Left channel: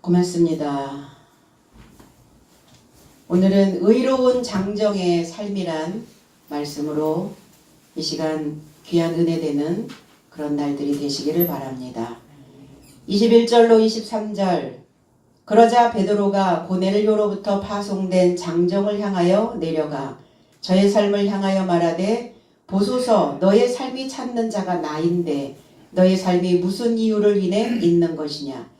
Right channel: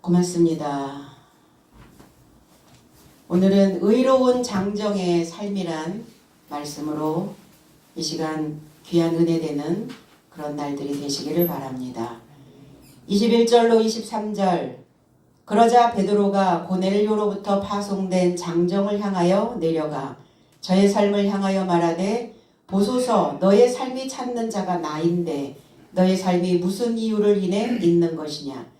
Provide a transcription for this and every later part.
고맙습니다. 오늘은 의로운 장정의 삶이란 말씀으로 이 시간 귀한 은혜 되는 그런 날들이 되시기를 바랍니다. 21절로 23절 그러자 베드로가 고넬료로부터 파송된 장정을 향하여 내려가 저의 삶을 향하여 말하되 보소서 너의 삶이 찾는 자가 나인데 너의 삶이 무슨 이유를 인해 있는 것이냐.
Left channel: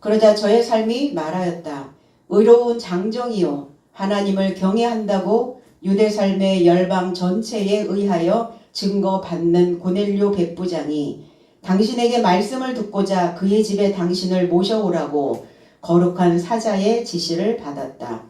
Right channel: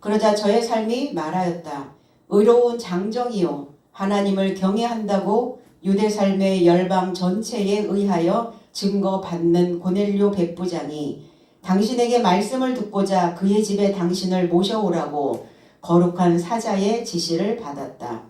그러자 저의 삶이 말하였다. 의로운 장정이요 하나님을 경외한다고 유대 삶의 열방 전체에 의하여 증거받는 고넬료 백부장이 당신에게 말씀을 듣고자 그의 집에 당신을 모셔오라고 거룩한 사자의 지시를 받았다.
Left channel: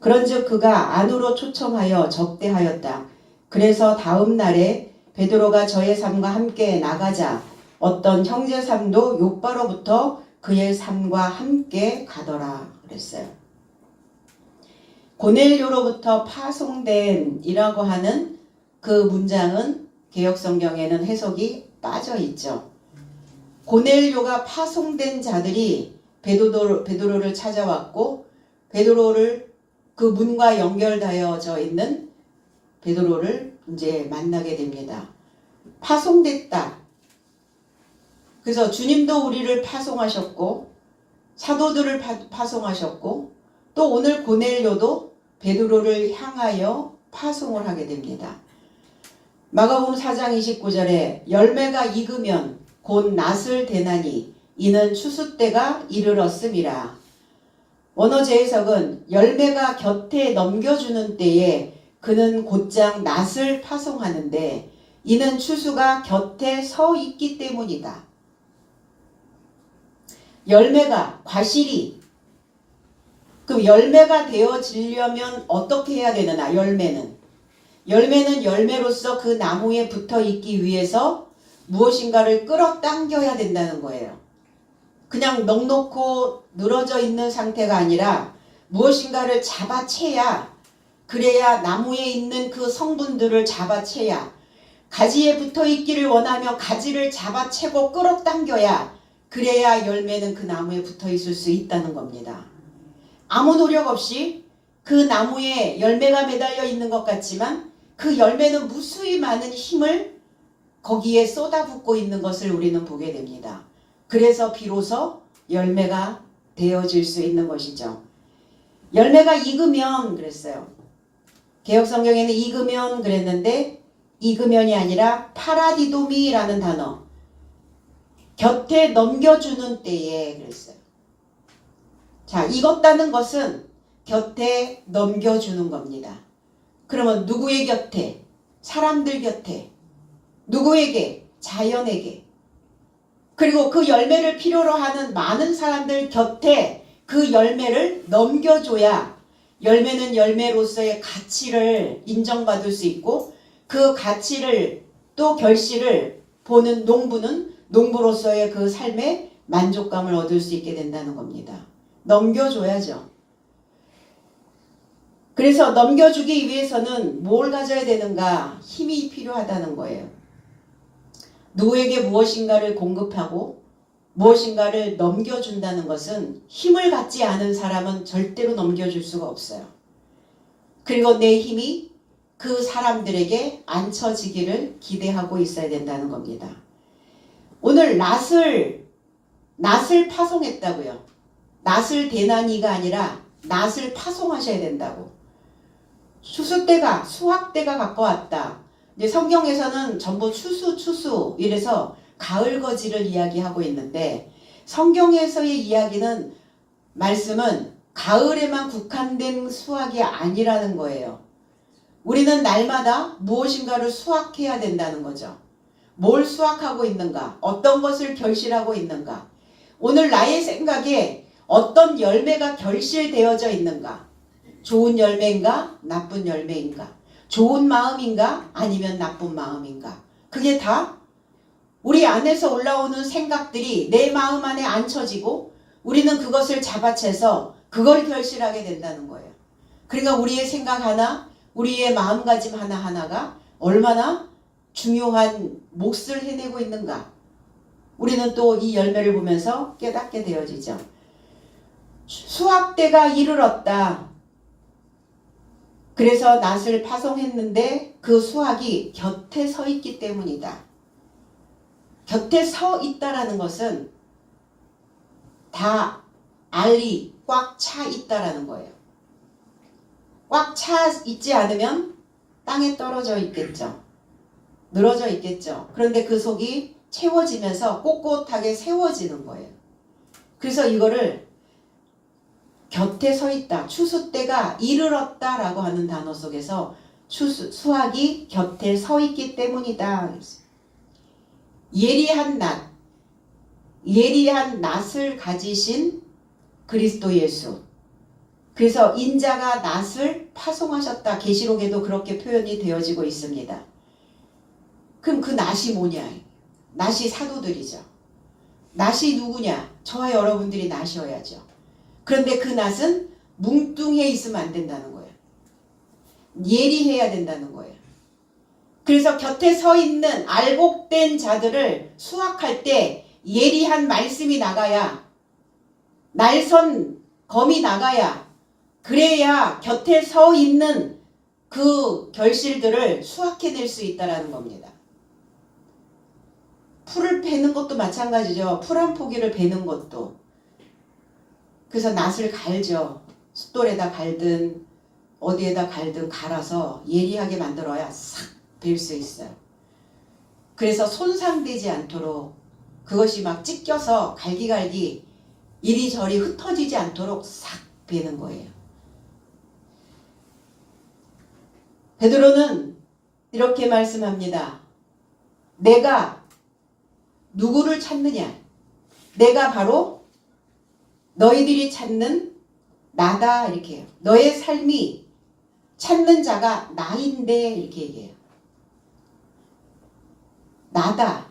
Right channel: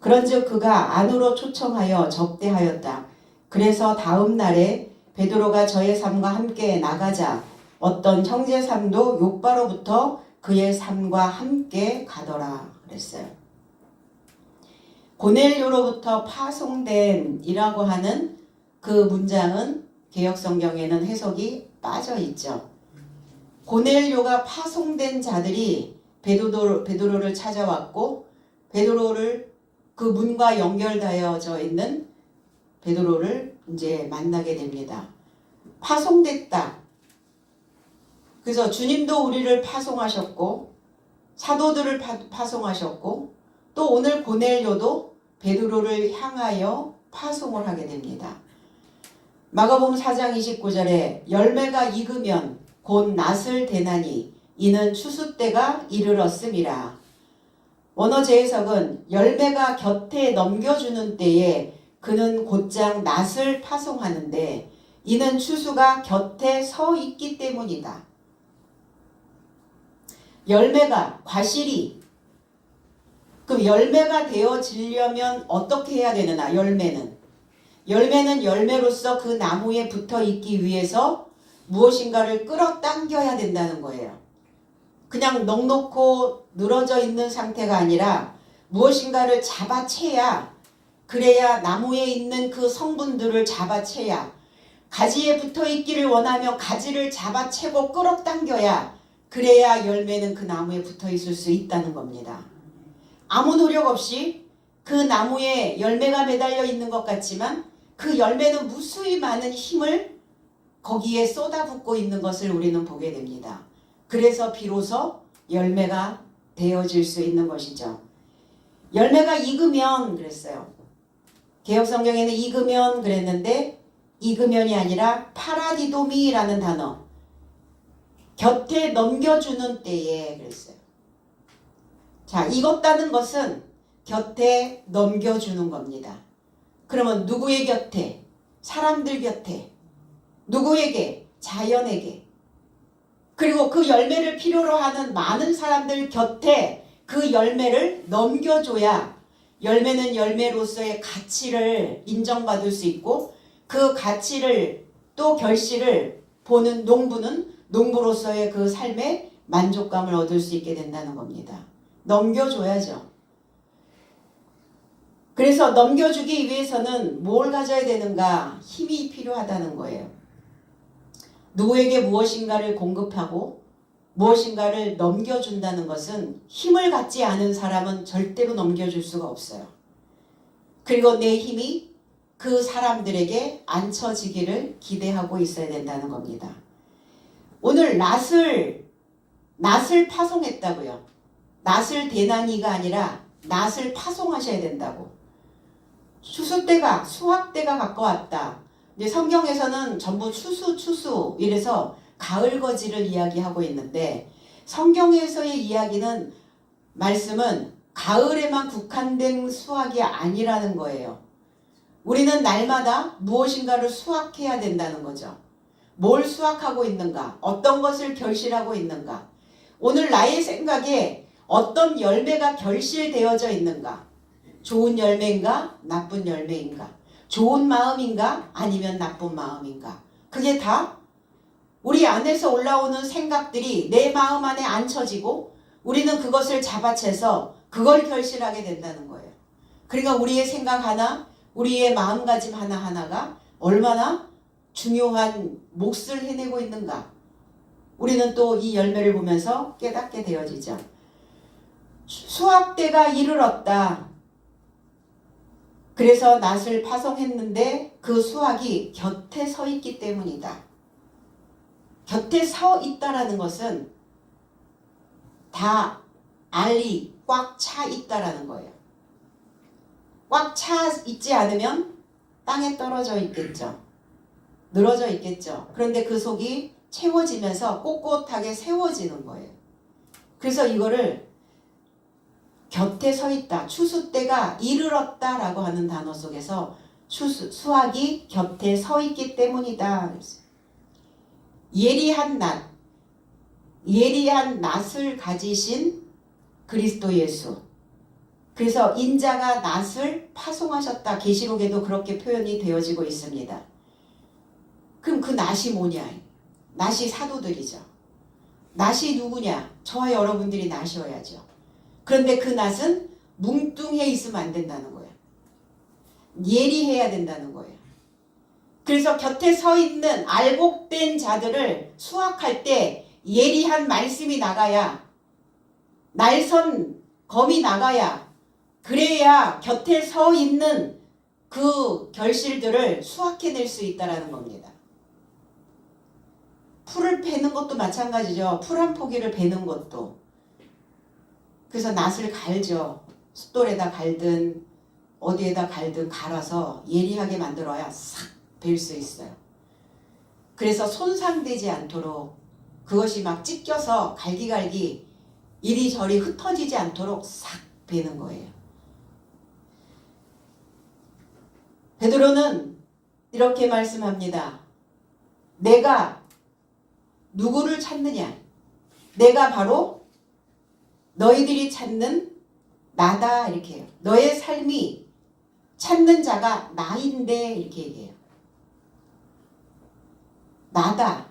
그런즉 그가 안으로 초청하여 접대하였다. 그래서 다음 날에 베드로가 저의 삶과 함께 나가자 어떤 형제 삶도 욥바로부터 그의 삶과 함께 가더라 그랬어요. 고넬료로부터 파송된 이라고 하는 그 문장은 개역성경에는 해석이 빠져 있죠. 고넬료가 파송된 자들이 베드로를 찾아왔고 베드로를 그 문과 연결되어져 있는 베드로를 이제 만나게 됩니다. 파송됐다. 그래서 주님도 우리를 파송하셨고 사도들을 파송하셨고 또 오늘 고넬료도 베드로를 향하여 파송을 하게 됩니다. 마가복음 4장 29절에 열매가 익으면 곧 낫을 대나니 이는 추수 때가 이르렀음이라. 원어 재해석은 열매가 곁에 넘겨주는 때에 그는 곧장 낫을 파송하는데 이는 추수가 곁에 서 있기 때문이다. 열매가 과실이 그럼 열매가 되어지려면 어떻게 해야 되느냐. 열매는 열매로서 그 나무에 붙어 있기 위해서 무엇인가를 끌어당겨야 된다는 거예요. 그냥 넉넉고 늘어져 있는 상태가 아니라 무엇인가를 잡아채야 그래야 나무에 있는 그 성분들을 잡아채야 가지에 붙어 있기를 원하며 가지를 잡아채고 끌어당겨야 그래야 열매는 그 나무에 붙어 있을 수 있다는 겁니다. 아무 노력 없이 그 나무에 열매가 매달려 있는 것 같지만 그 열매는 무수히 많은 힘을 거기에 쏟아붓고 있는 것을 우리는 보게 됩니다. 그래서 비로소 열매가 되어질 수 있는 것이죠. 열매가 익으면 그랬어요. 개역성경에는 익으면 그랬는데 익으면이 아니라 파라디도미라는 단어 곁에 넘겨주는 때에 그랬어요. 자, 익었다는 것은 곁에 넘겨주는 겁니다. 그러면 누구의 곁에? 사람들 곁에. 누구에게? 자연에게. 그리고 그 열매를 필요로 하는 많은 사람들 곁에 그 열매를 넘겨줘야 열매는 열매로서의 가치를 인정받을 수 있고 그 가치를 또 결실을 보는 농부는 농부로서의 그 삶의 만족감을 얻을 수 있게 된다는 겁니다. 넘겨줘야죠. 그래서 넘겨주기 위해서는 뭘 가져야 되는가? 힘이 필요하다는 거예요. 누구에게 무엇인가를 공급하고 무엇인가를 넘겨준다는 것은 힘을 갖지 않은 사람은 절대로 넘겨줄 수가 없어요. 그리고 내 힘이 그 사람들에게 앉혀지기를 기대하고 있어야 된다는 겁니다. 오늘 낫을 파송했다고요. 낫을 대나니가 아니라 낫을 파송하셔야 된다고. 추수 때가 수확 때가 가까웠다. 이제 성경에서는 전부 추수 이래서 가을 거지를 이야기하고 있는데 성경에서의 이야기는 말씀은 가을에만 국한된 수확이 아니라는 거예요. 우리는 날마다 무엇인가를 수확해야 된다는 거죠. 뭘 수확하고 있는가? 어떤 것을 결실하고 있는가? 오늘 나의 생각에 어떤 열매가 결실되어져 있는가? 좋은 열매인가? 나쁜 열매인가? 좋은 마음인가? 아니면 나쁜 마음인가? 그게 다 우리 안에서 올라오는 생각들이 내 마음 안에 앉혀지고 우리는 그것을 잡아채서 그걸 결실하게 된다는 거예요. 그러니까 우리의 생각 하나, 우리의 마음가짐 하나하나가 얼마나 중요한 몫을 해내고 있는가. 우리는 또 이 열매를 보면서 깨닫게 되어지죠. 수확 때가 이르렀다. 그래서 낫을 파송했는데 그 수확이 곁에 서 있기 때문이다. 곁에 서 있다라는 것은 다 알이 꽉 차 있다라는 거예요. 꽉 차 있지 않으면 땅에 떨어져 있겠죠. 늘어져 있겠죠. 그런데 그 속이 채워지면서 꼿꼿하게 세워지는 거예요. 그래서 이거를 곁에 서 있다. 추수 때가 이르렀다라고 하는 단어 속에서 수확이 곁에 서 있기 때문이다. 예리한 낫을 가지신 그리스도 예수. 그래서 인자가 낫을 파송하셨다. 계시록에도 그렇게 표현이 되어지고 있습니다. 그럼 그 낫이 뭐냐? 낫이 사도들이죠. 낫이 누구냐? 저와 여러분들이 낫이어야죠. 그런데 그 낫은 뭉뚱해 있으면 안 된다는 거예요. 예리해야 된다는 거예요. 그래서 곁에 서 있는 알곡된 자들을 수확할 때 예리한 말씀이 나가야, 날선 검이 나가야, 그래야 곁에 서 있는 그 결실들을 수확해낼 수 있다는 겁니다. 풀을 베는 것도 마찬가지죠. 풀 한 포기를 베는 것도. 그래서 낫을 갈죠. 숫돌에다 갈든 어디에다 갈든 갈아서 예리하게 만들어야 싹 벨 수 있어요. 그래서 손상되지 않도록, 그것이 막 찢겨서 갈기갈기 이리저리 흩어지지 않도록 싹 베는 거예요. 베드로는 이렇게 말씀합니다. 내가 누구를 찾느냐? 내가 바로 너희들이 찾는 나다, 이렇게 해요. 너의 삶이 찾는 자가 나인데, 이렇게 얘기해요. 나다.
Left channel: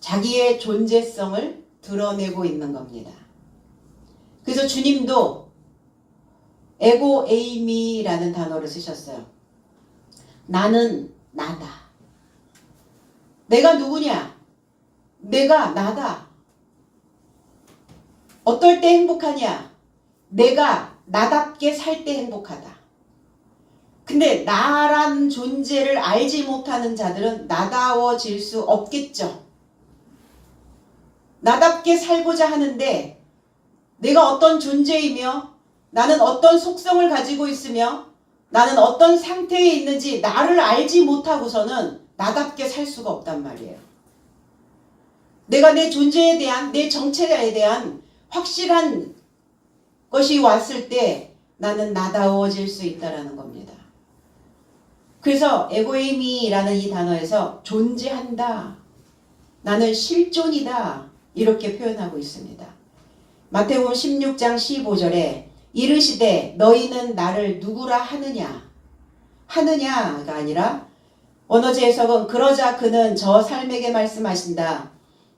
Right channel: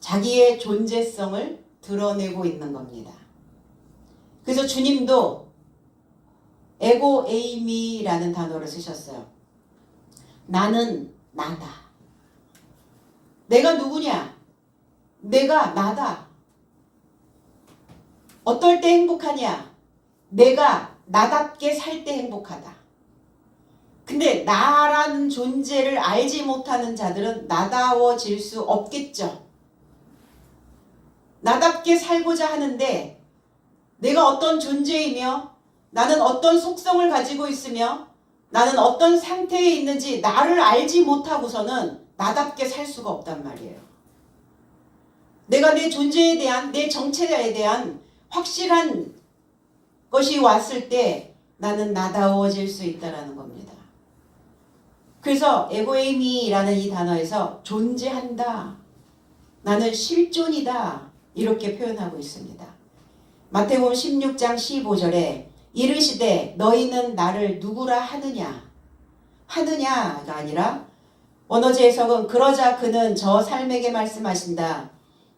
자기의 존재성을 드러내고 있는 겁니다. 그래서 주님도 에고 에이미라는 단어를 쓰셨어요. 나는 나다. 내가 누구냐? 내가 나다. 어떨 때 행복하냐? 내가 나답게 살 때 행복하다. 근데 나라는 존재를 알지 못하는 자들은 나다워질 수 없겠죠. 나답게 살고자 하는데 내가 어떤 존재이며 나는 어떤 속성을 가지고 있으며 나는 어떤 상태에 있는지 나를 알지 못하고서는 나답게 살 수가 없단 말이에요. 내가 내 존재에 대한, 내 정체에 대한 확실한 것이 왔을 때 나는 나다워질 수 있다는 겁니다. 그래서 에고에미라는 이 단어에서 존재한다, 나는 실존이다, 이렇게 표현하고 있습니다. 마태복음 16장 15절에 이르시되 너희는 나를 누구라 하느냐, 하느냐가 아니라 원어제 해석은 그러자 그는 저 삶에게 말씀하신다.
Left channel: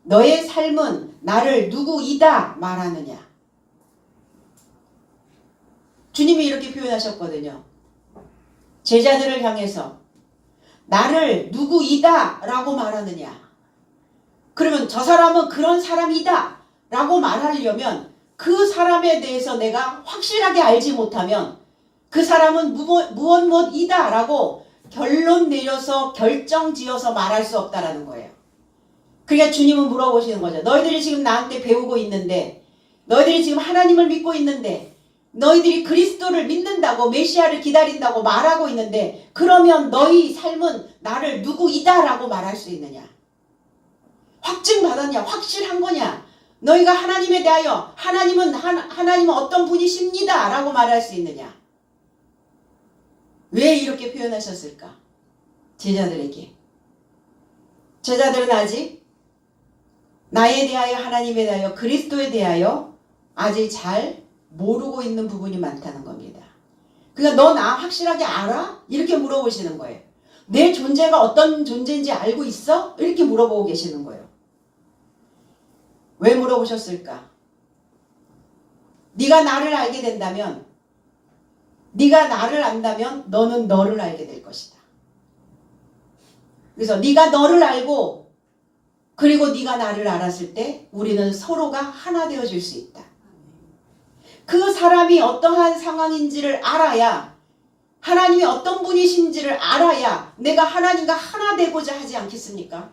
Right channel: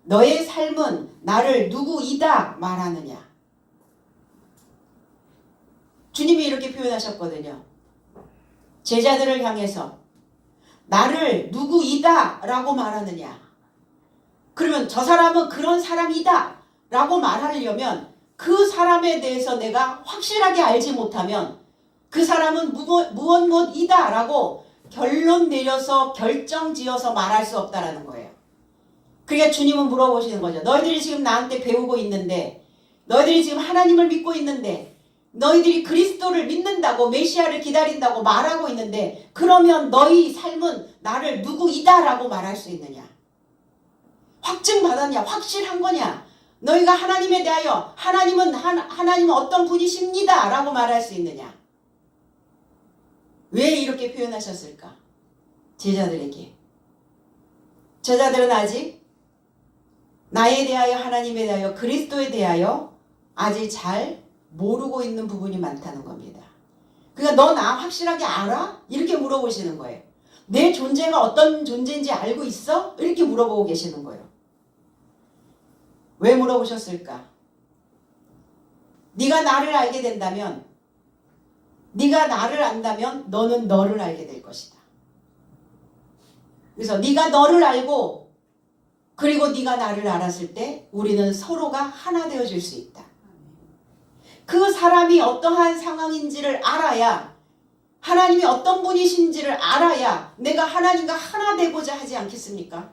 너의 삶은 나를 누구이다 말하느냐. 주님이 이렇게 표현하셨거든요. 제자들을 향해서 나를 누구이다 라고 말하느냐. 그러면 저 사람은 그런 사람이다 라고 말하려면 그 사람에 대해서 내가 확실하게 알지 못하면 그 사람은 무엇이다 라고 결론 내려서 결정 지어서 말할 수 없다라는 거예요. 그러니까 주님은 물어보시는 거죠. 너희들이 지금 나한테 배우고 있는데, 너희들이 지금 하나님을 믿고 있는데, 너희들이 그리스도를 믿는다고, 메시아를 기다린다고 말하고 있는데, 그러면 너희 삶은 나를 누구이다 라고 말할 수 있느냐? 확증받았냐? 확실한 거냐? 너희가 하나님에 대하여 하나님은 어떤 분이십니다 라고 말할 수 있느냐? 왜 이렇게 표현하셨을까? 제자들에게. 제자들은 아직 나에 대하여, 하나님에 대하여, 그리스도에 대하여 아직 잘 모르고 있는 부분이 많다는 겁니다. 그러니까 너 나 확실하게 알아? 이렇게 물어보시는 거예요. 내 존재가 어떤 존재인지 알고 있어? 이렇게 물어보고 계시는 거예요. 왜 물어보셨을까? 네가 나를 알게 된다면, 네가 나를 안다면 너는 너를 알게 될 것이다. 그래서 네가 너를 알고 그리고 네가 나를 알았을 때 우리는 서로가 하나 되어질 수 있다. 그 사람이 어떠한 상황인지를 알아야, 하나님이 어떤 분이신지를 알아야 내가 하나님과 하나 되고자 하지 않겠습니까?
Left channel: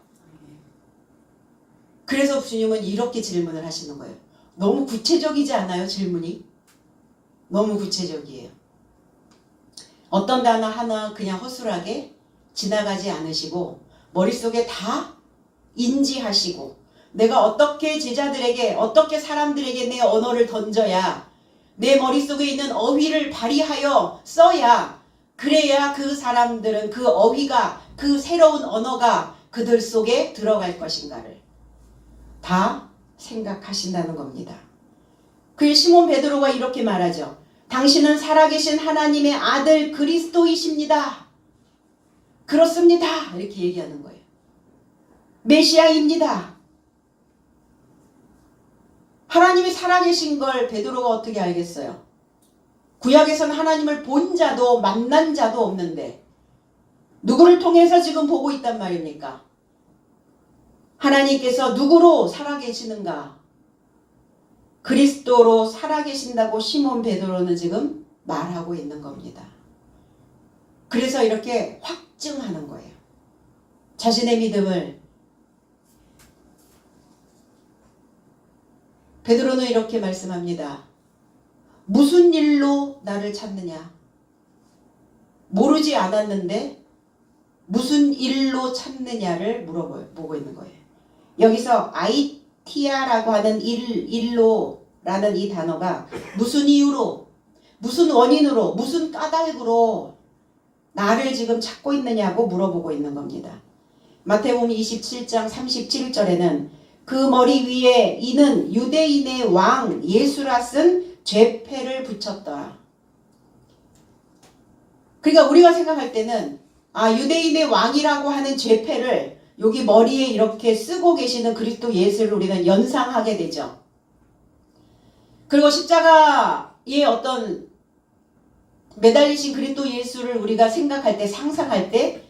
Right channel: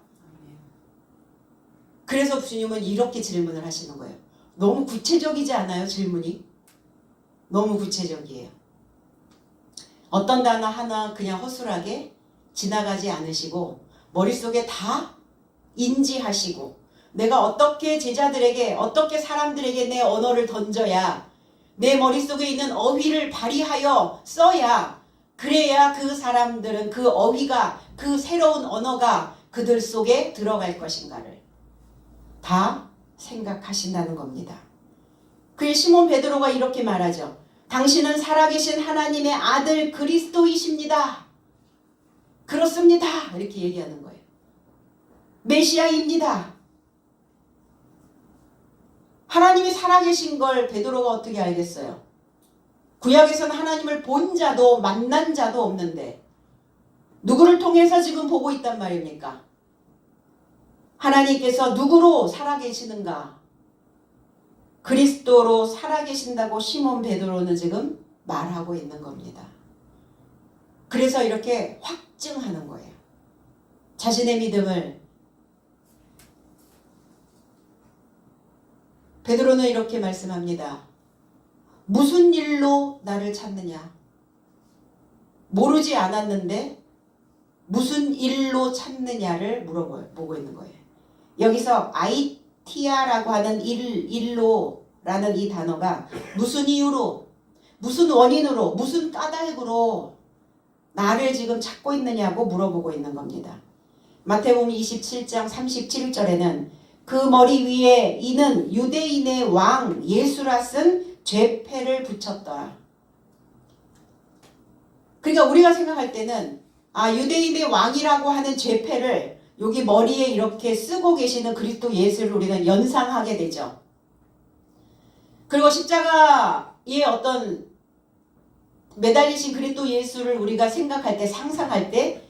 그래서 주님은 이렇게 질문을 하시는 거예요. 너무 구체적이지 않아요? 질문이 너무 구체적이에요. 어떤 단어 하나 그냥 허술하게 지나가지 않으시고 머릿속에 다 인지하시고, 내가 어떻게 제자들에게, 어떻게 사람들에게 내 언어를 던져야, 내 머릿속에 있는 어휘를 발휘하여 써야, 그래야 그 사람들은 그 어휘가, 그 새로운 언어가 그들 속에 들어갈 것인가를 다 생각하신다는 겁니다. 그의 시몬 베드로가 이렇게 말하죠. 당신은 살아계신 하나님의 아들 그리스도이십니다. 그렇습니다. 이렇게 얘기하는 거예요. 메시아입니다. 하나님이 살아계신 걸 베드로가 어떻게 알겠어요? 구약에서는 하나님을 본 자도 만난 자도 없는데 누구를 통해서 지금 보고 있단 말입니까? 하나님께서 누구로 살아계시는가? 그리스도로 살아계신다고 시몬 베드로는 지금 말하고 있는 겁니다. 그래서 이렇게 확증하는 거예요. 자신의 믿음을. 베드로는 이렇게 말씀합니다. 무슨 일로 나를 찾느냐? 모르지 않았는데 무슨 일로 찾느냐를 물어보고 있는 거예요. 여기서 아이티아라고 하는 일로라는 이 단어가 무슨 이유로, 무슨 원인으로, 무슨 까닭으로 나를 지금 찾고 있느냐고 물어보고 있는 겁니다. 마태복음 27장 37절에는 그 머리 위에 이는 유대인의 왕 예수라 쓴 죄패를 붙였더라. 그러니까 우리가 생각할 때는 유대인의 왕이라고 하는 죄패를 여기 머리에 이렇게 쓰고 계시는 그리스도 예수를 우리는 연상하게 되죠. 그리고 십자가의 어떤 매달리신 그리스도 예수를 우리가 생각할 때, 상상할 때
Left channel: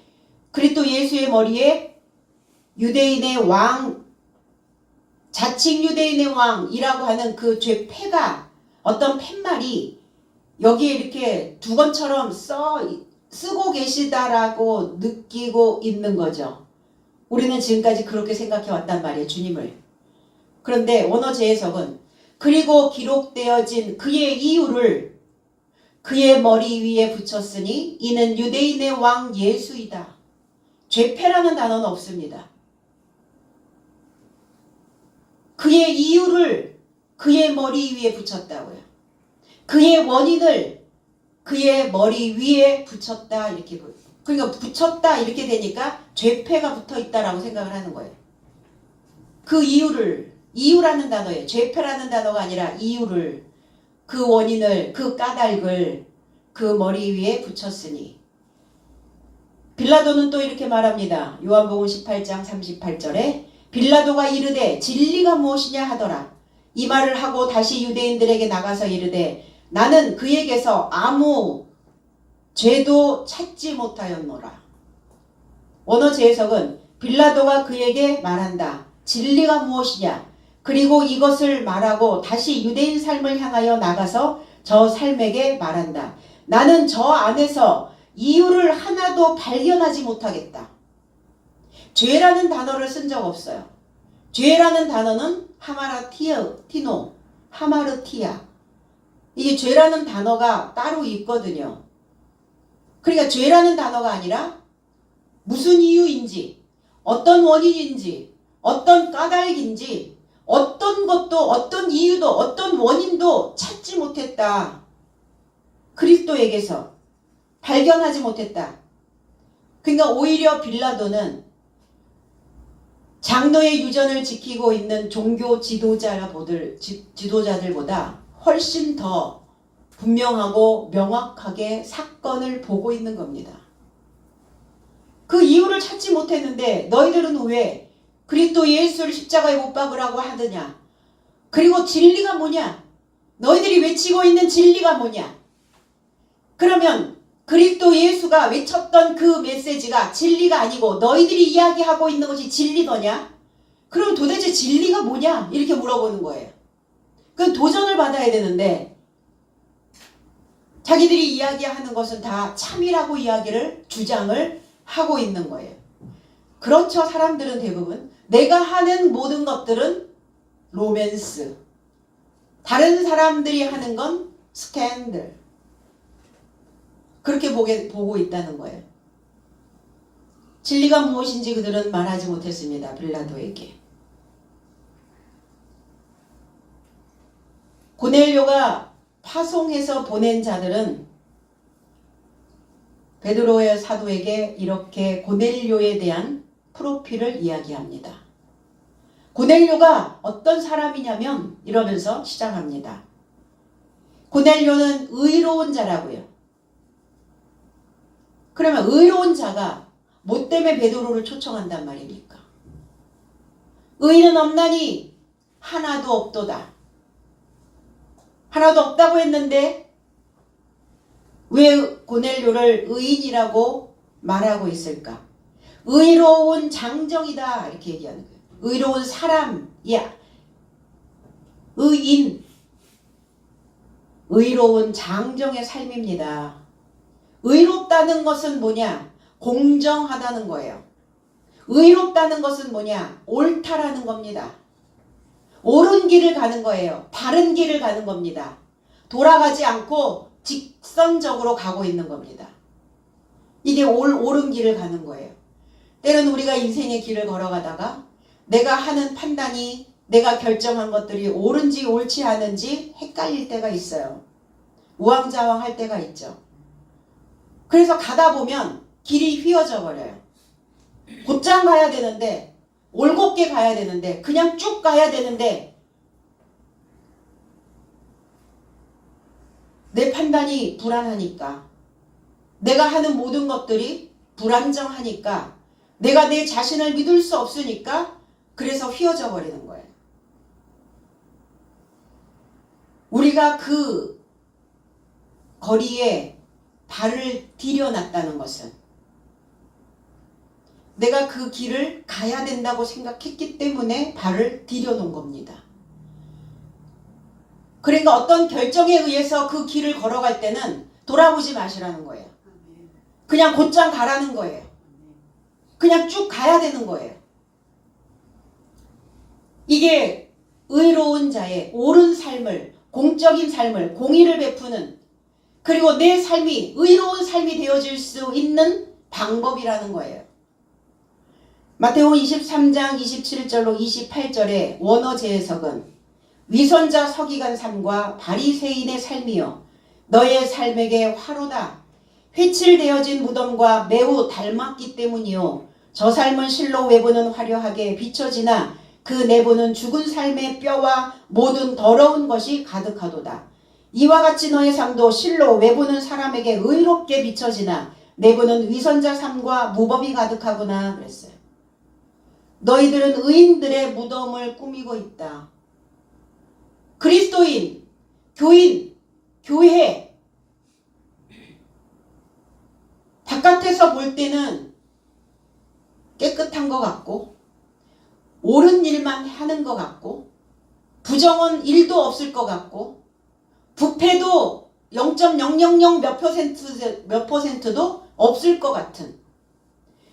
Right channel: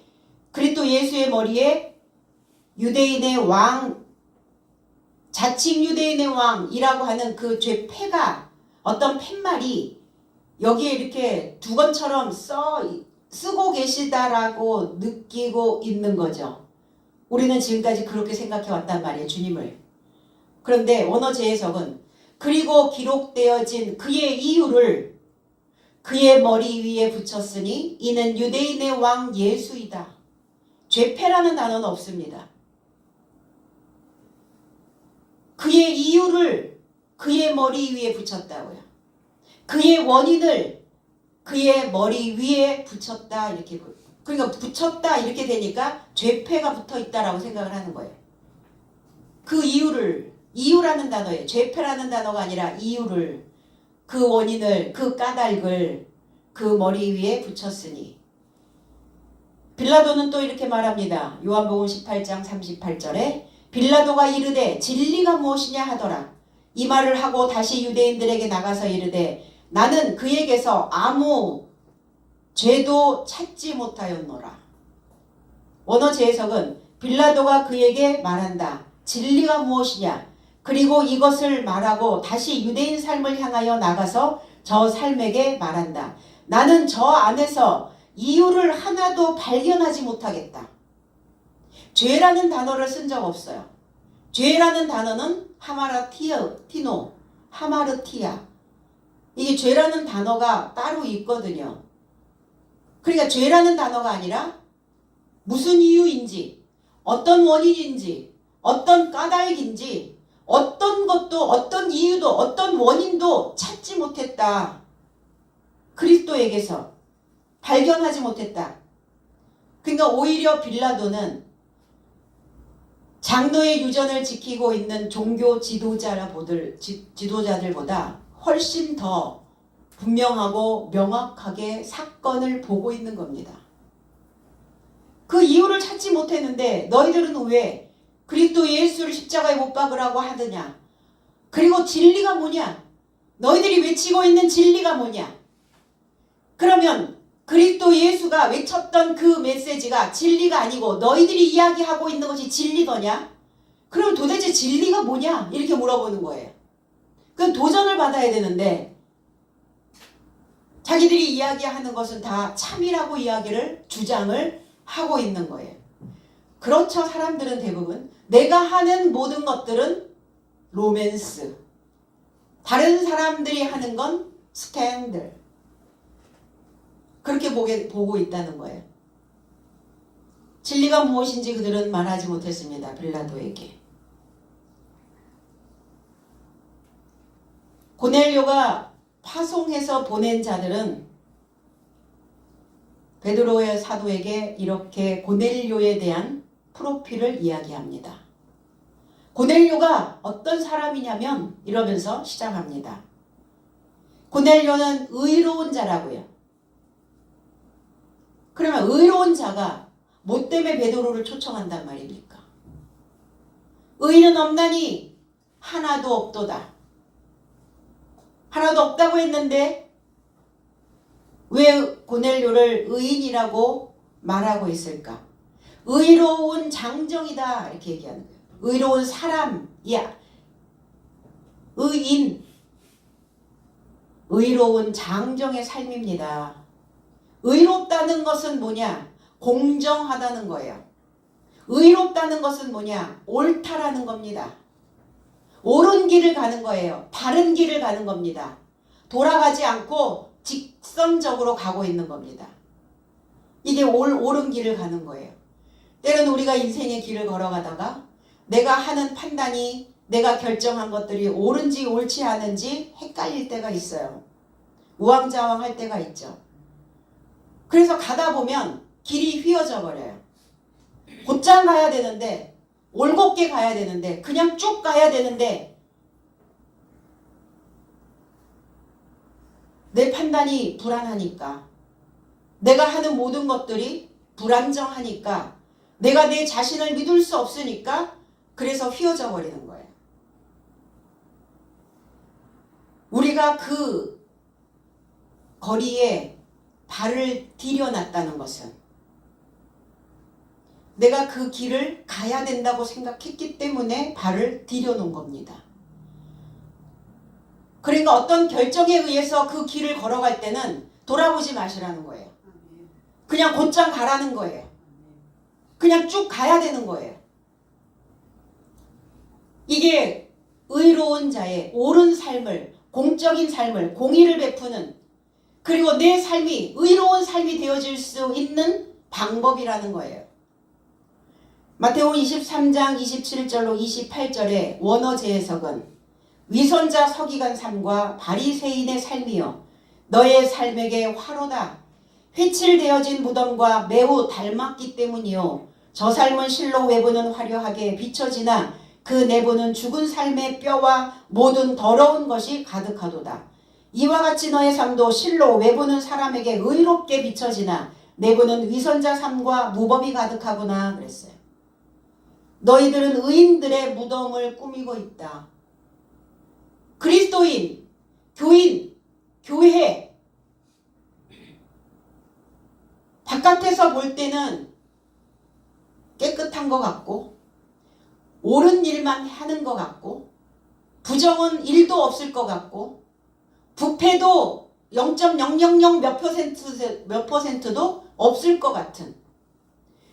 그리스도 예수의 머리에 유대인의 왕, 자칭 유대인의 왕이라고 하는 그 죄패가, 어떤 팻말이 여기에 이렇게 두건처럼 쓰고 계시다라고 느끼고 있는 거죠. 우리는 지금까지 그렇게 생각해 왔단 말이에요, 주님을. 그런데 원어 재해석은 그리고 기록되어진 그의 이유를 그의 머리 위에 붙였으니 이는 유대인의 왕 예수이다. 죄패라는 단어는 없습니다. 그의 이유를 그의 머리 위에 붙였다고요. 그의 원인을 그의 머리 위에 붙였다, 이렇게. 그러니까 붙였다 이렇게 되니까 죄패가 붙어 있다라고 생각을 하는 거예요. 그 이유를, 이유라는 단어예요. 죄패라는 단어가 아니라 이유를, 그 원인을, 그 까닭을 그 머리 위에 붙였으니. 빌라도는 또 이렇게 말합니다. 요한복음 18장 38절에 빌라도가 이르되 진리가 무엇이냐 하더라. 이 말을 하고 다시 유대인들에게 나가서 이르되 나는 그에게서 아무 죄도 찾지 못하였노라. 원어 재해석은 빌라도가 그에게 말한다. 진리가 무엇이냐? 그리고 이것을 말하고 다시 유대인 삶을 향하여 나가서 저 삶에게 말한다. 나는 저 안에서 이유를 하나도 발견하지 못하겠다. 죄라는 단어를 쓴 적 없어요. 죄라는 단어는 하마르티아. 이게 죄라는 단어가 따로 있거든요. 그러니까 죄라는 단어가 아니라 무슨 이유인지, 어떤 원인인지, 어떤 까닭인지, 어떤 것도, 어떤 이유도, 어떤 원인도 찾지 못했다. 그리스도에게서 발견하지 못했다. 그러니까 오히려 빌라도는 장로의 유전을 지키고 있는 종교 지도자들보다 훨씬 더 분명하고 명확하게 사건을 보고 있는 겁니다. 그 이유를 찾지 못했는데 너희들은 왜 그리스도 예수를 십자가에 못 박으라고 하느냐? 그리고 진리가 뭐냐? 너희들이 외치고 있는 진리가 뭐냐? 그러면 그리스도 예수가 외쳤던 그 메시지가 진리가 아니고 너희들이 이야기하고 있는 것이 진리더냐? 그럼 도대체 진리가 뭐냐? 이렇게 물어보는 거예요. 그 도전을 받아야 되는데 자기들이 이야기하는 것은 다 참이라고 주장을 하고 있는 거예요. 그렇죠. 사람들은 대부분 내가 하는 모든 것들은 로맨스, 다른 사람들이 하는 건 스캔들, 그렇게 보고 있다는 거예요. 진리가 무엇인지 그들은 말하지 못했습니다. 빌라도에게. 고넬료가 파송해서 보낸 자들은 베드로의 사도에게 이렇게 고넬료에 대한 프로필을 이야기합니다. 고넬료가 어떤 사람이냐면 이러면서 시작합니다. 고넬료는 의로운 자라고요. 그러면 의로운 자가 뭐 때문에 베드로를 초청한단 말입니까? 의인은 없나니 하나도 없도다. 하나도 없다고 했는데 왜 고넬료를 의인이라고 말하고 있을까? 의로운 장정이다 이렇게 얘기하는 거예요. 의로운 사람이야. 의인, 의로운 장정의 삶입니다. 의롭다는 것은 뭐냐? 공정하다는 거예요. 의롭다는 것은 뭐냐? 옳다라는 겁니다. 옳은 길을 가는 거예요. 바른 길을 가는 겁니다. 돌아가지 않고 직선적으로 가고 있는 겁니다. 이게 옳은 길을 가는 거예요. 때로는 우리가 인생의 길을 걸어가다가 내가 하는 판단이, 내가 결정한 것들이 옳은지 옳지 않은지 헷갈릴 때가 있어요. 우왕좌왕할 때가 있죠. 그래서 가다 보면 길이 휘어져 버려요. 곧장 가야 되는데, 올곧게 가야 되는데, 그냥 쭉 가야 되는데 내 판단이 불안하니까, 내가 하는 모든 것들이 불안정하니까, 내가 내 자신을 믿을 수 없으니까 그래서 휘어져 버리는 거예요. 우리가 그 거리에 발을 디뎌놨다는 것은 내가 그 길을 가야 된다고 생각했기 때문에 발을 디뎌놓은 겁니다. 그러니까 어떤 결정에 의해서 그 길을 걸어갈 때는 돌아보지 마시라는 거예요. 그냥 곧장 가라는 거예요. 그냥 쭉 가야 되는 거예요. 이게 의로운 자의 옳은 삶을, 공적인 삶을, 공의를 베푸는, 그리고 내 삶이 의로운 삶이 되어질 수 있는 방법이라는 거예요. 마태복음 23장 27절로 28절의 원어 재해석은 위선자 서기관 삶과 바리새인의 삶이여 너의 삶에게 화로다. 회칠되어진 무덤과 매우 닮았기 때문이요. 저 삶은 실로 외부는 화려하게 비춰지나 그 내부는 죽은 삶의 뼈와 모든 더러운 것이 가득하도다. 이와 같이 너의 삶도 실로 외부는 사람에게 의롭게 비춰지나 내부는 위선자 삶과 무법이 가득하구나 그랬어요. 너희들은 의인들의 무덤을 꾸미고 있다. 그리스도인, 교인, 교회, 바깥에서 볼 때는 깨끗한 것 같고 옳은 일만 하는 것 같고 부정은 1도 없을 것 같고 부패도 0.000 몇 퍼센트도 없을 것 같은,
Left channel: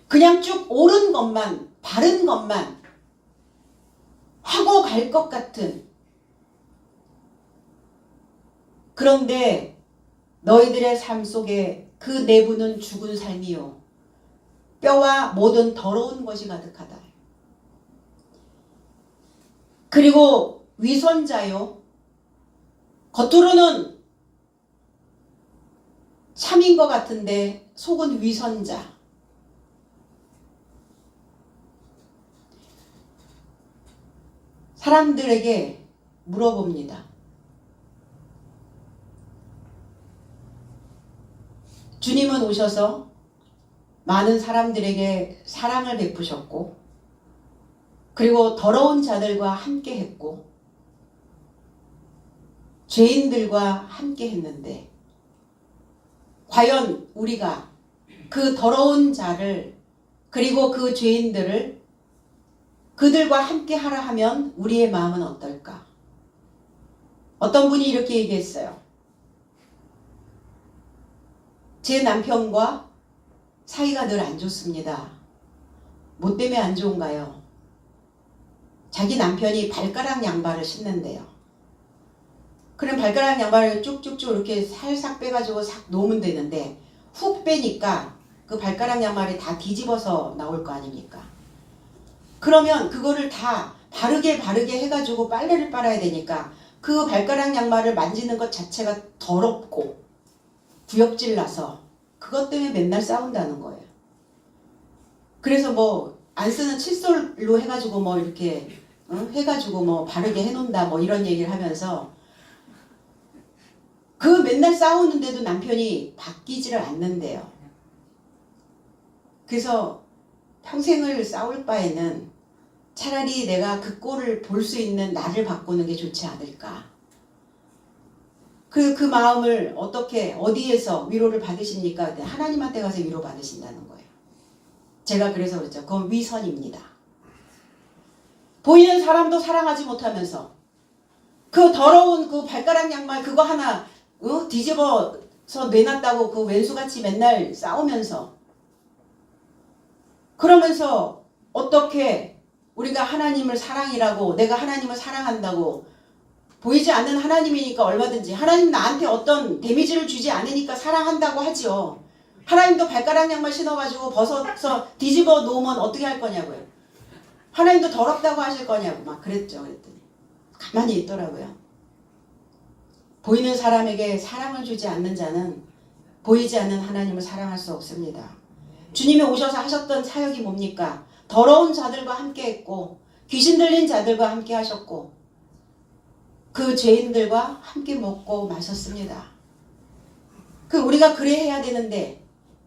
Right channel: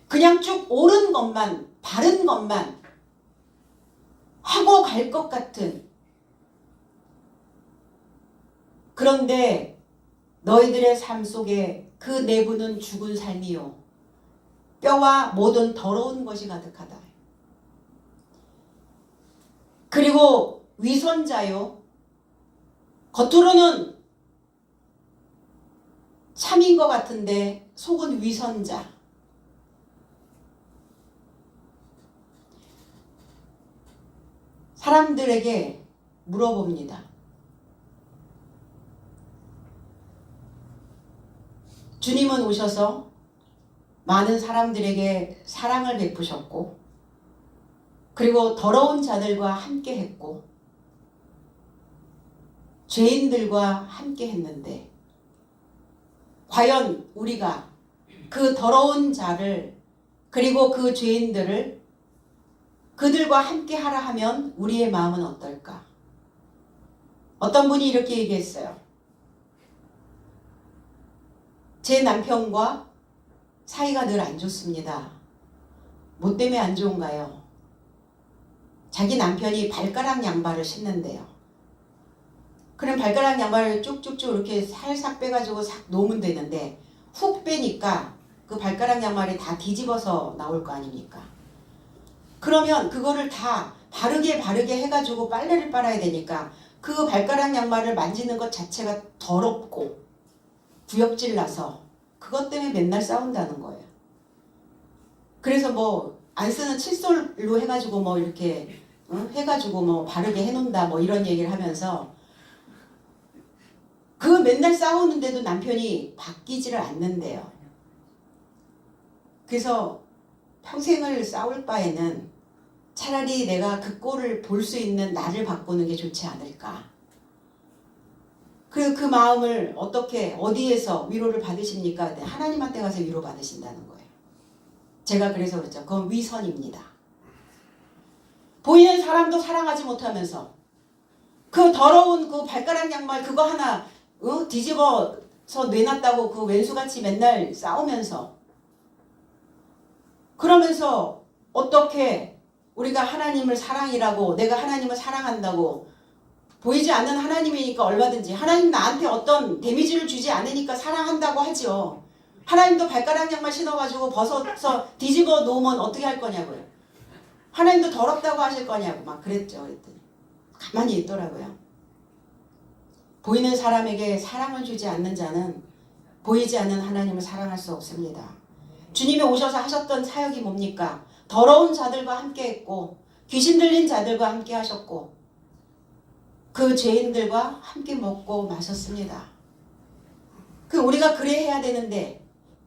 그냥 쭉 옳은 것만, 바른 것만 하고 갈 것 같은, 그런데 너희들의 삶 속에 그 내부는 죽은 삶이요 뼈와 모든 더러운 것이 가득하다. 그리고 위선자요, 겉으로는 참인 것 같은데 속은 위선자. 사람들에게 물어봅니다. 주님은 오셔서 많은 사람들에게 사랑을 베푸셨고, 그리고 더러운 자들과 함께 했고, 죄인들과 함께 했는데, 과연 우리가 그 더러운 자를, 그리고 그 죄인들을 그들과 함께 하라 하면 우리의 마음은 어떨까? 어떤 분이 이렇게 얘기했어요. 제 남편과 사이가 늘 안 좋습니다. 뭐 때문에 안 좋은가요? 자기 남편이 발가락 양발을 신는데요. 그럼 발가락 양발을 쭉쭉쭉 이렇게 살짝 빼가지고 싹 놓으면 되는데 훅 빼니까 그 발가락 양말이 다 뒤집어서 나올 거 아닙니까? 그러면 그거를 다 바르게 해가지고 빨래를 빨아야 되니까 그 발가락 양말을 만지는 것 자체가 더럽고 구역질 나서 그것 때문에 맨날 싸운다는 거예요. 그래서 뭐 안 쓰는 칫솔로 해가지고 뭐 이렇게 해가지고 뭐 바르게 해놓는다 뭐 이런 얘기를 하면서 그 맨날 싸우는데도 남편이 바뀌지를 않는데요. 그래서 평생을 싸울 바에는 차라리 내가 그 꼴을 볼 수 있는 나를 바꾸는 게 좋지 않을까. 그 마음을 어떻게 어디에서 위로를 받으십니까? 하나님한테 가서 위로 받으신다는 거예요. 제가 그래서 그랬죠. 그건 위선입니다. 보이는 사람도 사랑하지 못하면서 그 더러운 그 발가락 양말 그거 하나 뒤집어서 내놨다고 그 왼수같이 맨날 싸우면서 그러면서 어떻게 우리가 하나님을 사랑이라고 내가 하나님을 사랑한다고 보이지 않는 하나님이니까 얼마든지 하나님 나한테 어떤 데미지를 주지 않으니까 사랑한다고 하죠. 하나님도 발가락 양말 신어가지고 벗어서 뒤집어 놓으면 어떻게 할 거냐고요. 하나님도 더럽다고 하실 거냐고 막 그랬죠. 그랬더니 가만히 있더라고요. 보이는 사람에게 사랑을 주지 않는 자는 보이지 않는 하나님을 사랑할 수 없습니다. 주님이 오셔서 하셨던 사역이 뭡니까? 더러운 자들과 함께 했고 귀신 들린 자들과 함께 하셨고 그 죄인들과 함께 먹고 마셨습니다. 우리가 그래 해야 되는데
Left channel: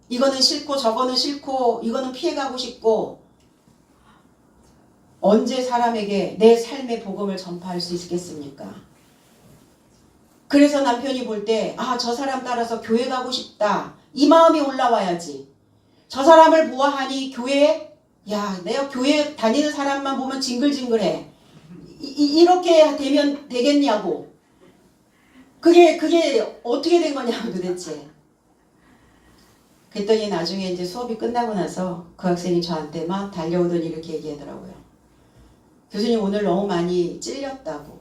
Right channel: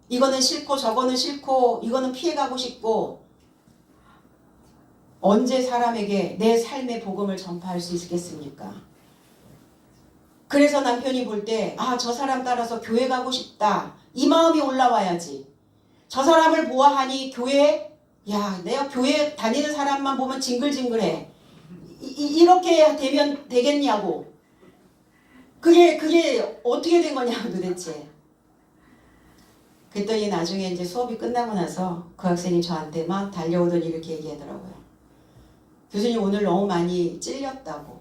이거는 싫고 저거는 싫고 이거는 피해가고 싶고 언제 사람에게 내 삶의 복음을 전파할 수 있겠습니까? 그래서 남편이 볼 때 저 사람 따라서 교회 가고 싶다. 이 마음이 올라와야지. 저 사람을 보아하니 교회 내가 교회 다니는 사람만 보면 징글징글해. 이렇게 되면 되겠냐고. 그게 어떻게 된 거냐고 도대체. 그랬더니 나중에 이제 수업이 끝나고 나서 그 학생이 저한테 막 달려오더니 이렇게 얘기하더라고요. 교수님 오늘 너무 많이 찔렸다고.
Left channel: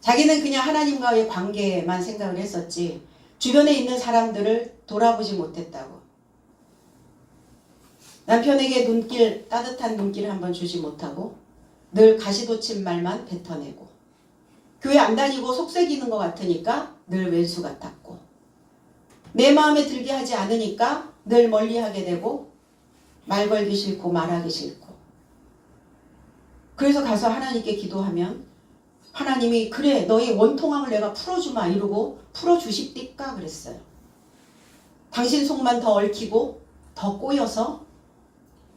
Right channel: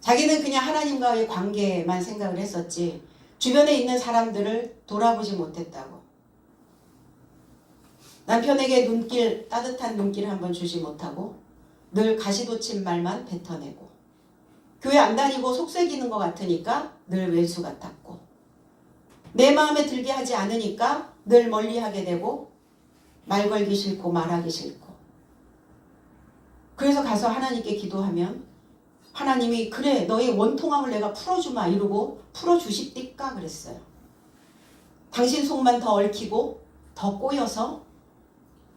자기는 그냥 하나님과의 관계만 생각을 했었지 주변에 있는 사람들을 돌아보지 못했다고. 남편에게 따뜻한 눈길을 한번 주지 못하고 늘 가시돋친 말만 뱉어내고 교회 안 다니고 속색이는 것 같으니까 늘 왼수 같았고 내 마음에 들게 하지 않으니까 늘 멀리하게 되고 말 걸기 싫고 말하기 싫고 그래서 가서 하나님께 기도하면 하나님이 그래 너의 원통함을 내가 풀어주마 이러고 풀어주십니까 그랬어요. 당신 속만 더 얽히고 더 꼬여서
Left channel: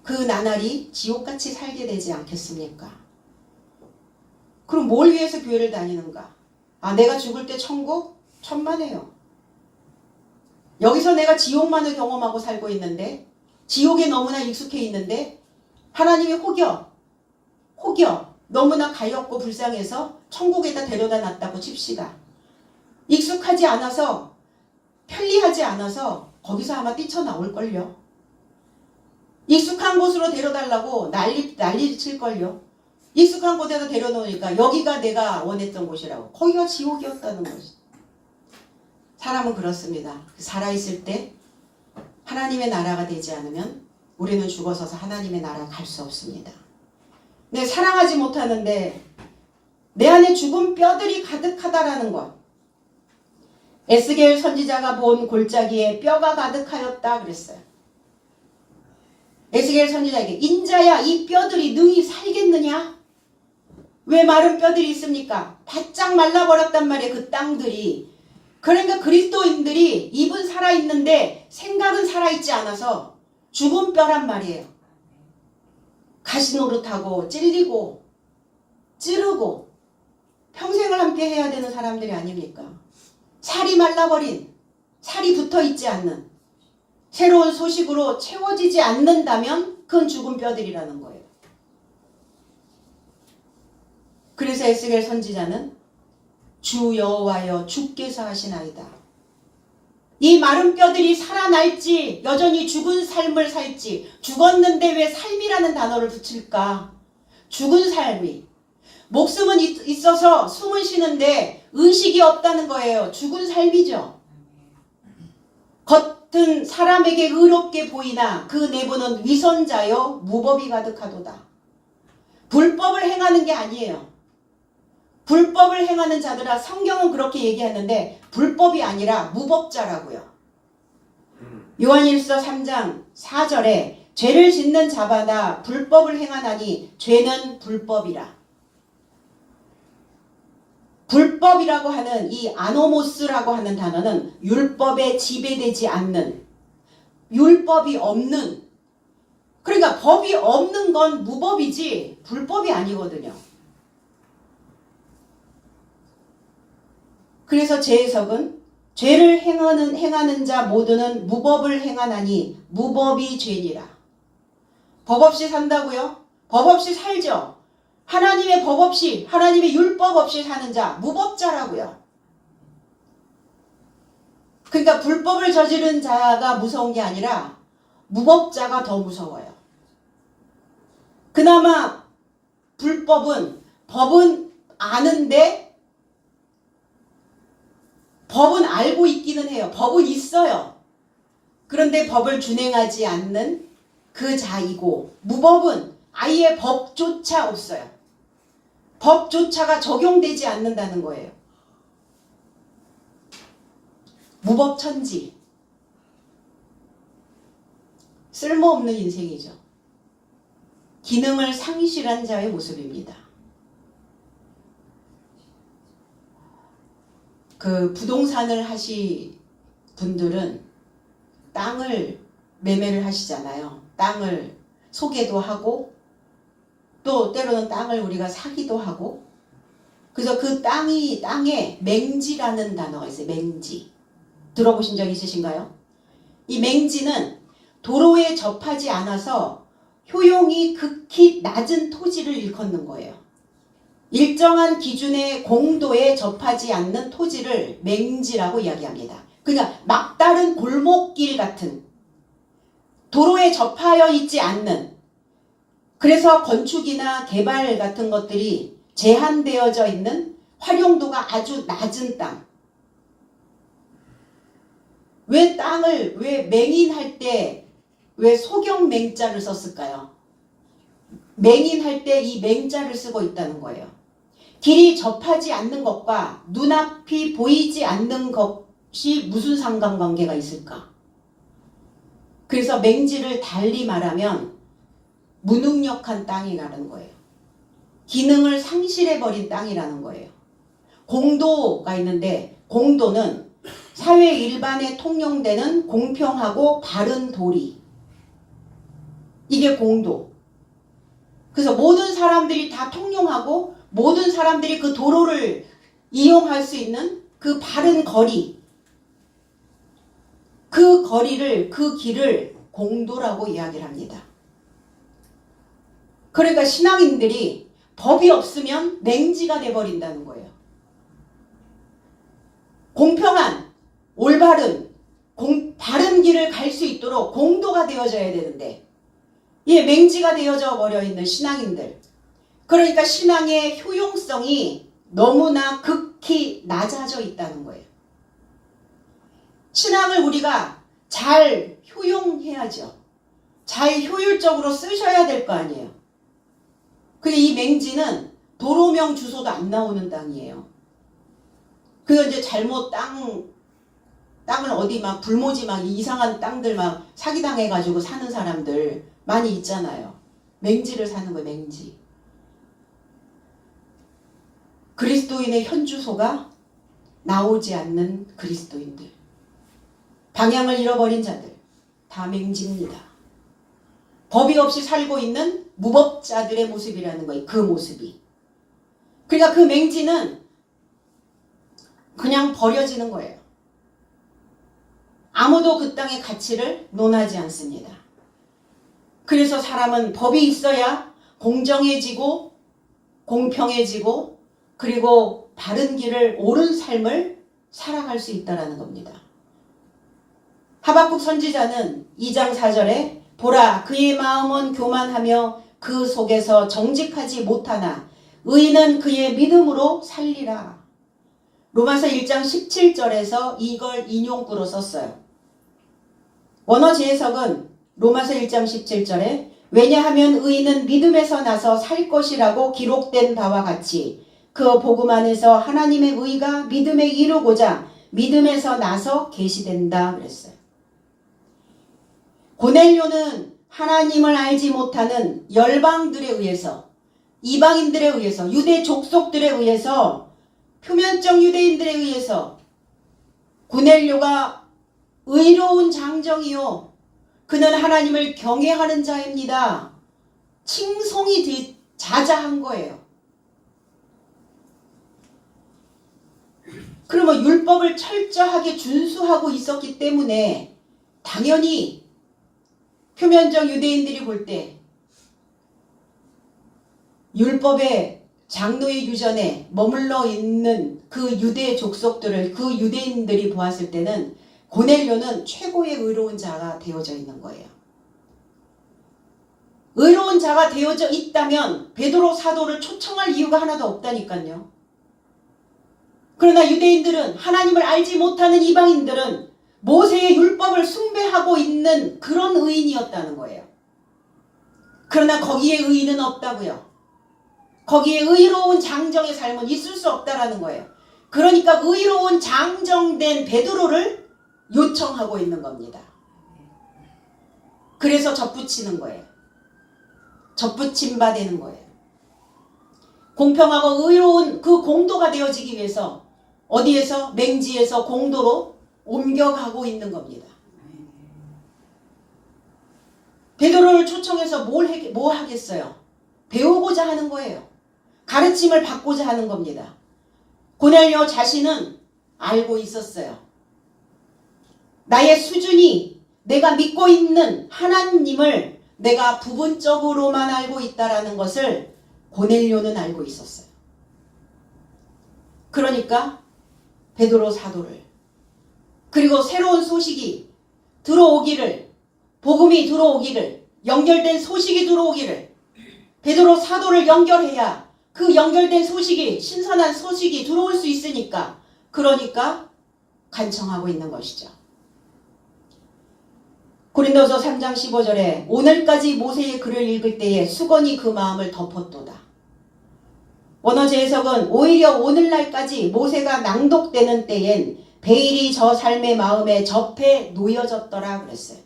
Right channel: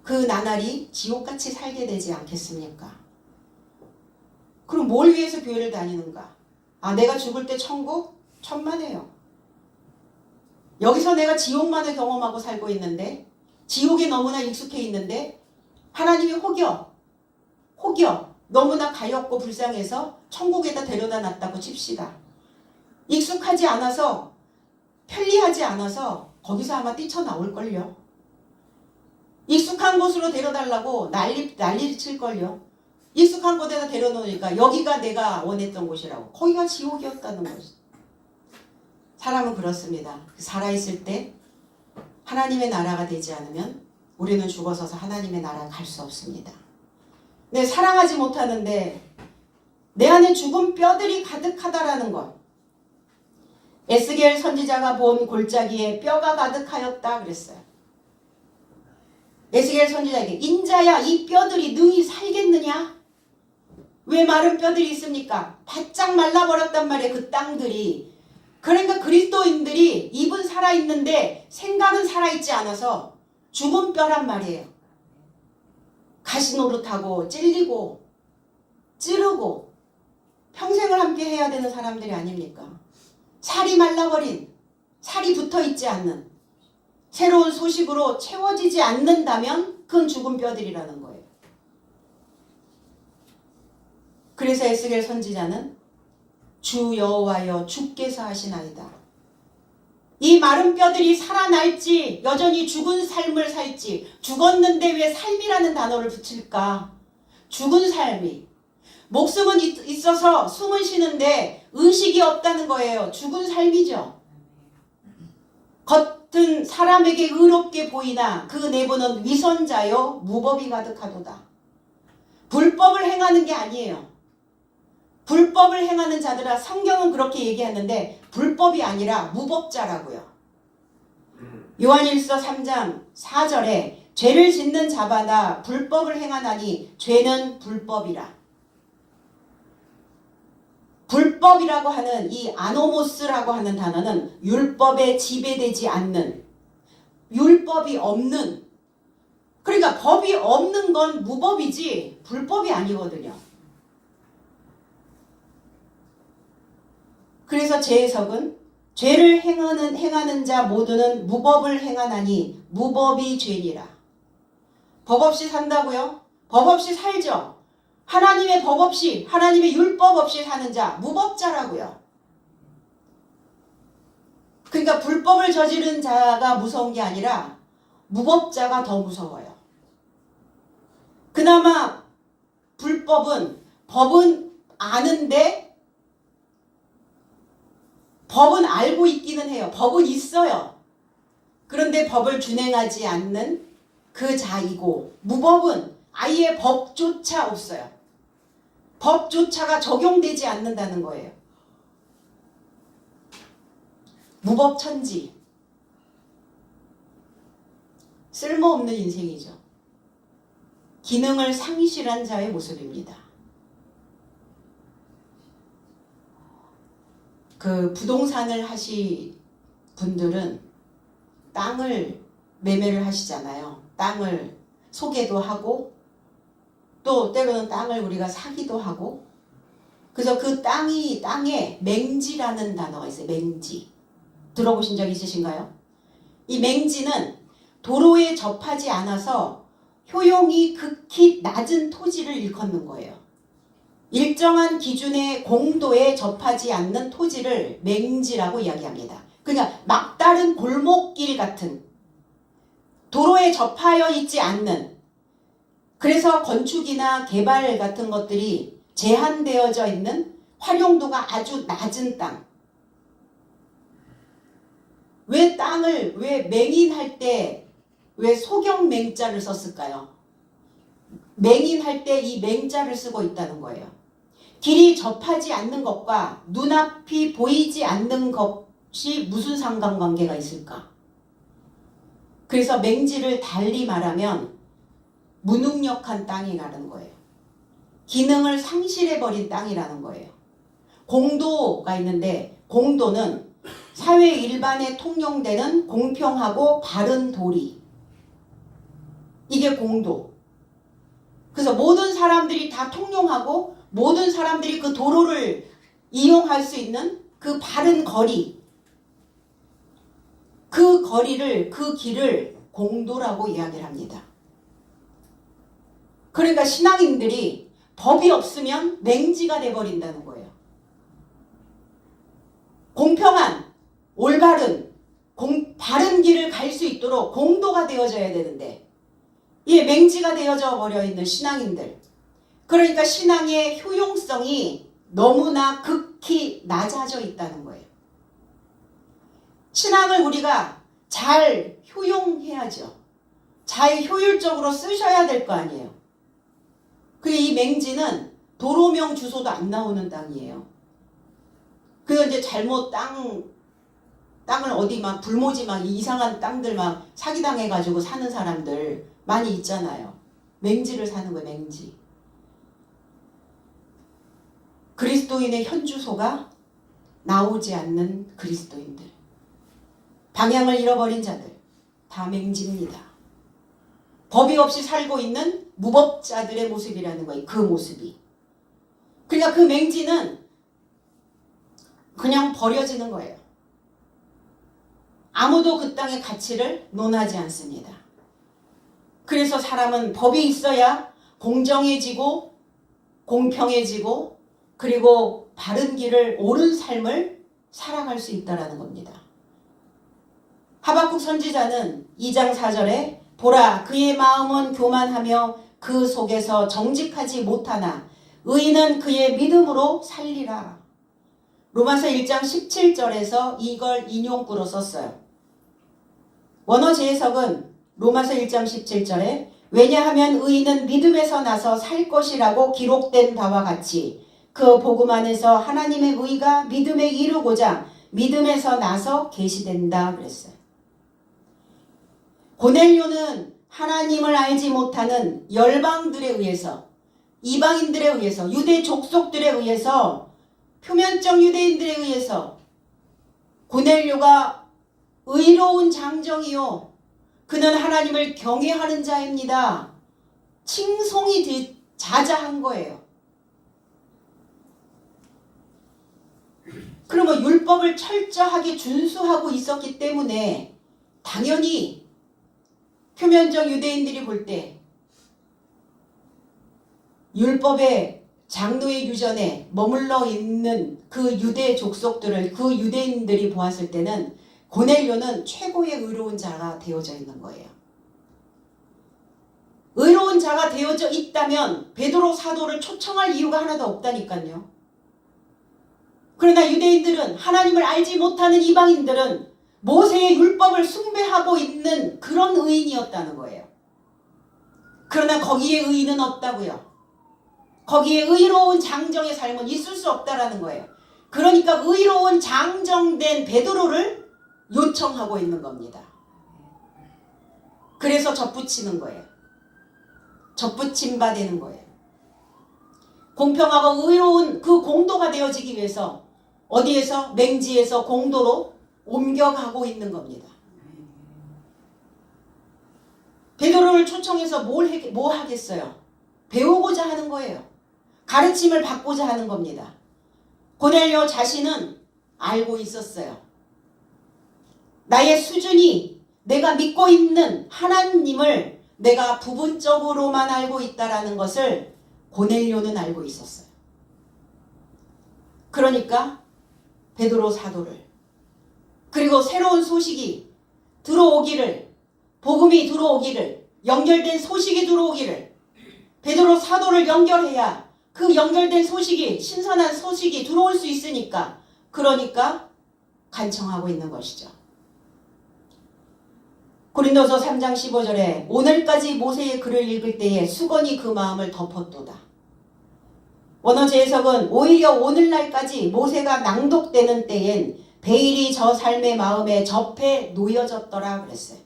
그 나날이 지옥같이 살게 되지 않겠습니까? 그럼 뭘 위해서 교회를 다니는가? 내가 죽을 때 천국? 천만에요. 여기서 내가 지옥만을 경험하고 살고 있는데 지옥에 너무나 익숙해 있는데 하나님이 혹여 너무나 가엾고 불쌍해서 천국에다 데려다 놨다고 칩시다. 익숙하지 않아서 편리하지 않아서 거기서 아마 뛰쳐나올걸요. 익숙한 곳으로 데려달라고 난리 칠걸요. 익숙한 곳에다 데려놓으니까 여기가 내가 원했던 곳이라고. 거기가 지옥이었다는 거지. 사람은 그렇습니다. 살아있을 때 하나님의 나라가 되지 않으면 우리는 죽어서서 하나님의 나라 갈 수 없습니다. 근데 사랑하지 못하는데 내 안에 죽은 뼈들이 가득하다라는 것. 에스겔 선지자가 본 골짜기에 뼈가 가득하였다 그랬어요. 에스겔 선지자에게 인자야 이 뼈들이 능히 살겠느냐? 왜 마른 뼈들이 있습니까? 바짝 말라버렸단 말이에요. 그 땅들이. 그러니까 그리스도인들이 입은 살아있는데 생각은 살아있지 않아서 죽은 뼈란 말이에요. 가시노릇하고 찔리고 찌르고 평생을 함께 해야 되는 사람들이 아닙니까? 살이 말라버린, 살이 붙어있지 않는 새로운 소식으로 채워지지 않는다면 그건 죽은 뼈들이라는 거예요. 그래서 에스겔 선지자는 주 여호와여 주께서 하시나이다. 이 마른 뼈들이 살아날지 여전히 죽은 삶을 살지. 죽었는데 왜 삶이라는 단어를 붙일까? 죽은 삶이. 목숨은 있어서 숨은 쉬는데 의식이 없다는 거예요. 죽은 삶이죠. 겉은 사람에게 의롭게 보이나 그 내부는 위선자요 무법이 가득하도다. 불법을 행하는 게 아니에요. 불법을 행하는 자들아, 성경은 그렇게 얘기하는데 불법이 아니라 무법자라고요. 요한일서 3장 4절에 죄를 짓는 자마다 불법을 행하나니 죄는 불법이라. 불법이라고 하는 이 아노모스라고 하는 단어는 율법에 지배되지 않는, 율법이 없는, 그러니까 법이 없는 건 무법이지 불법이 아니거든요. 그래서 제 해석은 죄를 행하는 자 모두는 무법을 행하나니 무법이 죄니라. 법 없이 산다고요? 법 없이 살죠. 하나님의 법 없이, 하나님의 율법 없이 사는 자 무법자라고요. 그러니까 불법을 저지른 자가 무서운 게 아니라 무법자가 더 무서워요. 그나마 법은 아는데, 법은 알고 있기는 해요. 법은 있어요. 그런데 법을 준행하지 않는 그 자이고, 무법은 아예 법조차 없어요. 법조차가 적용되지 않는다는 거예요. 무법천지. 쓸모없는 인생이죠. 기능을 상실한 자의 모습입니다. 그 부동산을 하시 분들은 땅을 매매를 하시잖아요. 땅을 소개도 하고 또 때로는 땅을 우리가 사기도 하고. 그래서 그 땅에 맹지라는 단어가 있어요. 맹지. 들어보신 적 있으신가요? 이 맹지는 도로에 접하지 않아서 효용이 극히 낮은 토지를 일컫는 거예요. 일정한 기준의 공도에 접하지 않는 토지를 맹지라고 이야기합니다. 그러니까 막다른 골목길 같은, 도로에 접하여 있지 않는, 그래서 건축이나 개발 같은 것들이 제한되어져 있는 활용도가 아주 낮은 땅. 왜 맹인할 때 왜 소경맹자를 썼을까요? 맹인할 때 이 맹자를 쓰고 있다는 거예요. 길이 접하지 않는 것과 눈앞이 보이지 않는 것이 무슨 상관관계가 있을까? 그래서 맹지를 달리 말하면 무능력한 땅이라는 거예요. 기능을 상실해버린 땅이라는 거예요. 공도가 있는데, 공도는 사회 일반에 통용되는 공평하고 바른 도리. 이게 공도. 그래서 모든 사람들이 다 통용하고 모든 사람들이 그 도로를 이용할 수 있는 그 바른 거리, 그 거리를, 그 길을 공도라고 이야기를 합니다. 그러니까 신앙인들이 법이 없으면 맹지가 돼버린다는 거예요. 공평한, 올바른, 바른 길을 갈 수 있도록 공도가 되어져야 되는데, 맹지가 되어져 버려 있는 신앙인들. 그러니까 신앙의 효용성이 너무나 극히 낮아져 있다는 거예요. 신앙을 우리가 잘 효용해야죠. 잘 효율적으로 쓰셔야 될 거 아니에요. 근데 이 맹지는 도로명 주소도 안 나오는 땅이에요. 그래서 이제 잘못 땅을 어디 막 불모지 막 이상한 땅들 막 사기당해가지고 사는 사람들 많이 있잖아요. 맹지를 사는 거예요. 맹지. 그리스도인의 현주소가 나오지 않는 그리스도인들, 방향을 잃어버린 자들, 다 맹지입니다. 법이 없이 살고 있는 무법자들의 모습이라는 거예요. 그 모습이. 그러니까 그 맹지는 그냥 버려지는 거예요. 아무도 그 땅의 가치를 논하지 않습니다. 그래서 사람은 법이 있어야 공정해지고 공평해지고 그리고 바른 길을, 옳은 삶을 살아갈 수 있다는 겁니다. 하박국 선지자는 2장 4절에 보라 그의 마음은 교만하며 그 속에서 정직하지 못하나 의인은 그의 믿음으로 살리라. 로마서 1장 17절에서 이걸 인용구로 썼어요. 원어 재해석은 로마서 1장 17절에 왜냐하면 의인은 믿음에서 나서 살 것이라고 기록된 바와 같이 그 복음 안에서 하나님의 의가 믿음에 이르고자 믿음에서 나서 계시된다 그랬어요. 고넬료는 하나님을 알지 못하는 열방들에 의해서, 이방인들에 의해서, 유대 족속들에 의해서, 표면적 유대인들에 의해서 고넬료가 의로운 장정이요 그는 하나님을 경외하는 자입니다. 칭송이 자자한 거예요. 그러면 율법을 철저하게 준수하고 있었기 때문에 당연히 표면적 유대인들이 볼 때 율법의 장로의 유전에 머물러 있는 그 유대 족속들을 그 유대인들이 보았을 때는 고넬료는 최고의 의로운 자가 되어져 있는 거예요. 의로운 자가 되어져 있다면 베드로 사도를 초청할 이유가 하나도 없다니까요. 그러나 유대인들은 하나님을 알지 못하는 이방인들은 모세의 율법을 숭배하고 있는 그런 의인이었다는 거예요. 그러나 거기에 의인은 없다고요. 거기에 의로운 장정의 삶은 있을 수 없다라는 거예요. 그러니까 의로운 장정된 베드로를 요청하고 있는 겁니다. 그래서 접붙이는 거예요. 접붙임 바 되는 거예요. 공평하고 의로운 그 공도가 되어지기 위해서 어디에서? 맹지에서 공도로 옮겨가고 있는 겁니다. 베드로를 초청해서 뭐 하겠어요? 배우고자 하는 거예요. 가르침을 받고자 하는 겁니다. 고넬료 자신은 알고 있었어요. 나의 수준이 내가 믿고 있는 하나님을 내가 부분적으로만 알고 있다라는 것을 고넬료는 알고 있었어요. 그러니까 베드로 사도를 그리고 새로운 소식이 들어오기를 복음이 들어오기를 연결된 소식이 들어오기를 베드로 사도를 연결해야 그 연결된 소식이 신선한 소식이 들어올 수 있으니까 그러니까 간청하고 있는 것이죠. 고린도서 3장 15절에 오늘까지 모세의 글을 읽을 때에 수건이 그 마음을 덮었도다. 원어 재해석은 오히려 오늘날까지 모세가 낭독되는 때엔 베일이 저 삶의 마음에 접해 놓여졌더라 그랬어요.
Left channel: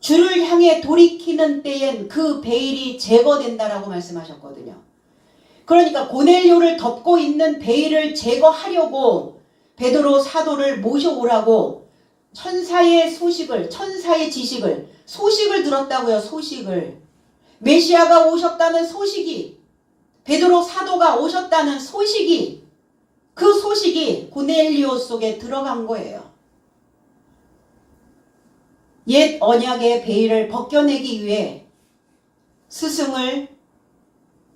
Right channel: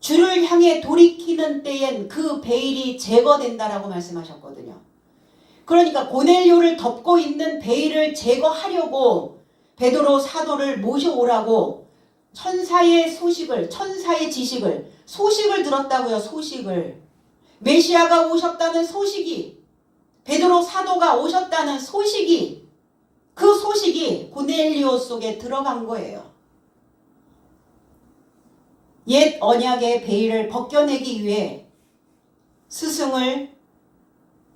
주를 향해 돌이키는 때엔 그 베일이 제거된다라고 말씀하셨거든요. 그러니까 고넬료를 덮고 있는 베일을 제거하려고 베드로 사도를 모셔오라고 천사의 소식을, 천사의 지식을, 소식을 들었다고요. 소식을. 메시아가 오셨다는 소식이, 베드로 사도가 오셨다는 소식이, 그 소식이 고넬료 속에 들어간 거예요. 옛 언약의 베일을 벗겨내기 위해 스승을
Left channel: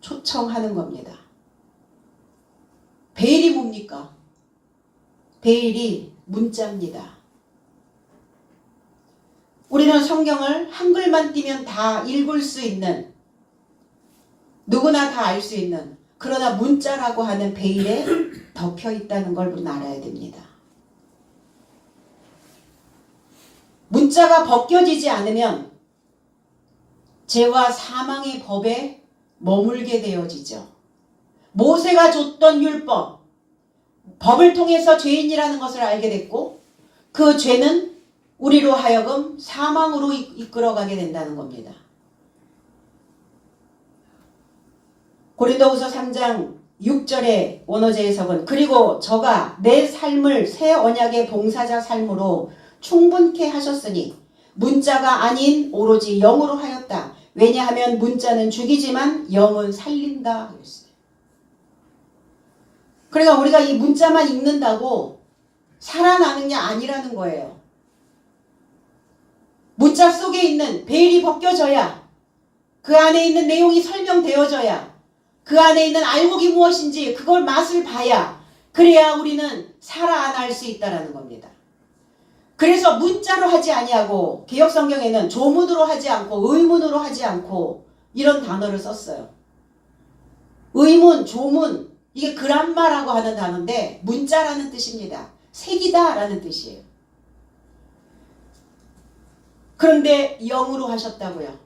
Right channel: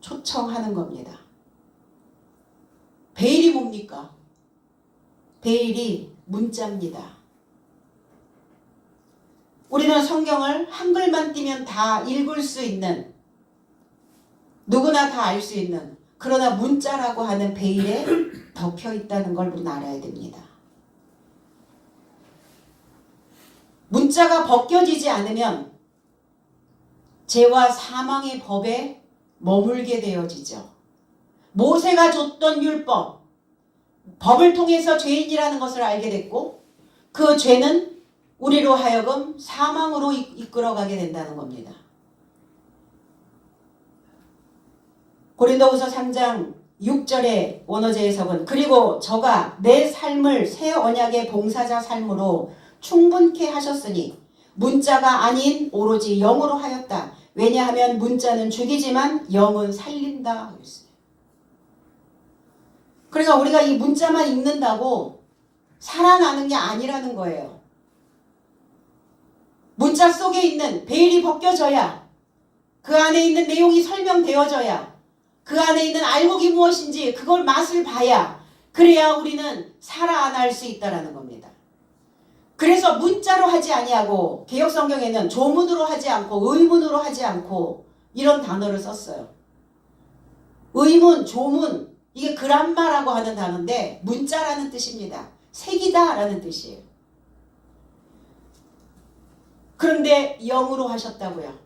초청하는 겁니다. 베일이 뭡니까? 베일이 문자입니다. 우리는 성경을 한글만 띄면 다 읽을 수 있는, 누구나 다 알 수 있는, 그러나 문자라고 하는 베일에 덮여 있다는 걸 우리는 알아야 됩니다. 문자가 벗겨지지 않으면 죄와 사망의 법에 머물게 되어지죠. 모세가 줬던 율법, 법을 통해서 죄인이라는 것을 알게 됐고 그 죄는 우리로 하여금 사망으로 이끌어가게 된다는 겁니다. 고린도후서 3장 6절의 원어제 해석은 그리고 저가 내 삶을 새 언약의 봉사자 삶으로 충분케 하셨으니 문자가 아닌 오로지 영으로 하였다. 왜냐하면 문자는 죽이지만 영은 살린다. 그러니까 우리가 이 문자만 읽는다고 살아나는 게 아니라는 거예요. 문자 속에 있는 베일이 벗겨져야, 그 안에 있는 내용이 설명되어져야, 그 안에 있는 알곡이 무엇인지 그걸 맛을 봐야, 그래야 우리는 살아날 수 있다는 겁니다. 그래서 문자로 하지 아니하고 개역성경에는 조문으로 하지 않고 의문으로 하지 않고 이런 단어를 썼어요. 의문, 조문, 이게 그람마라고 하는 단어인데 문자라는 뜻입니다. 색이다라는 뜻이에요. 그런데 영으로 하셨다고요.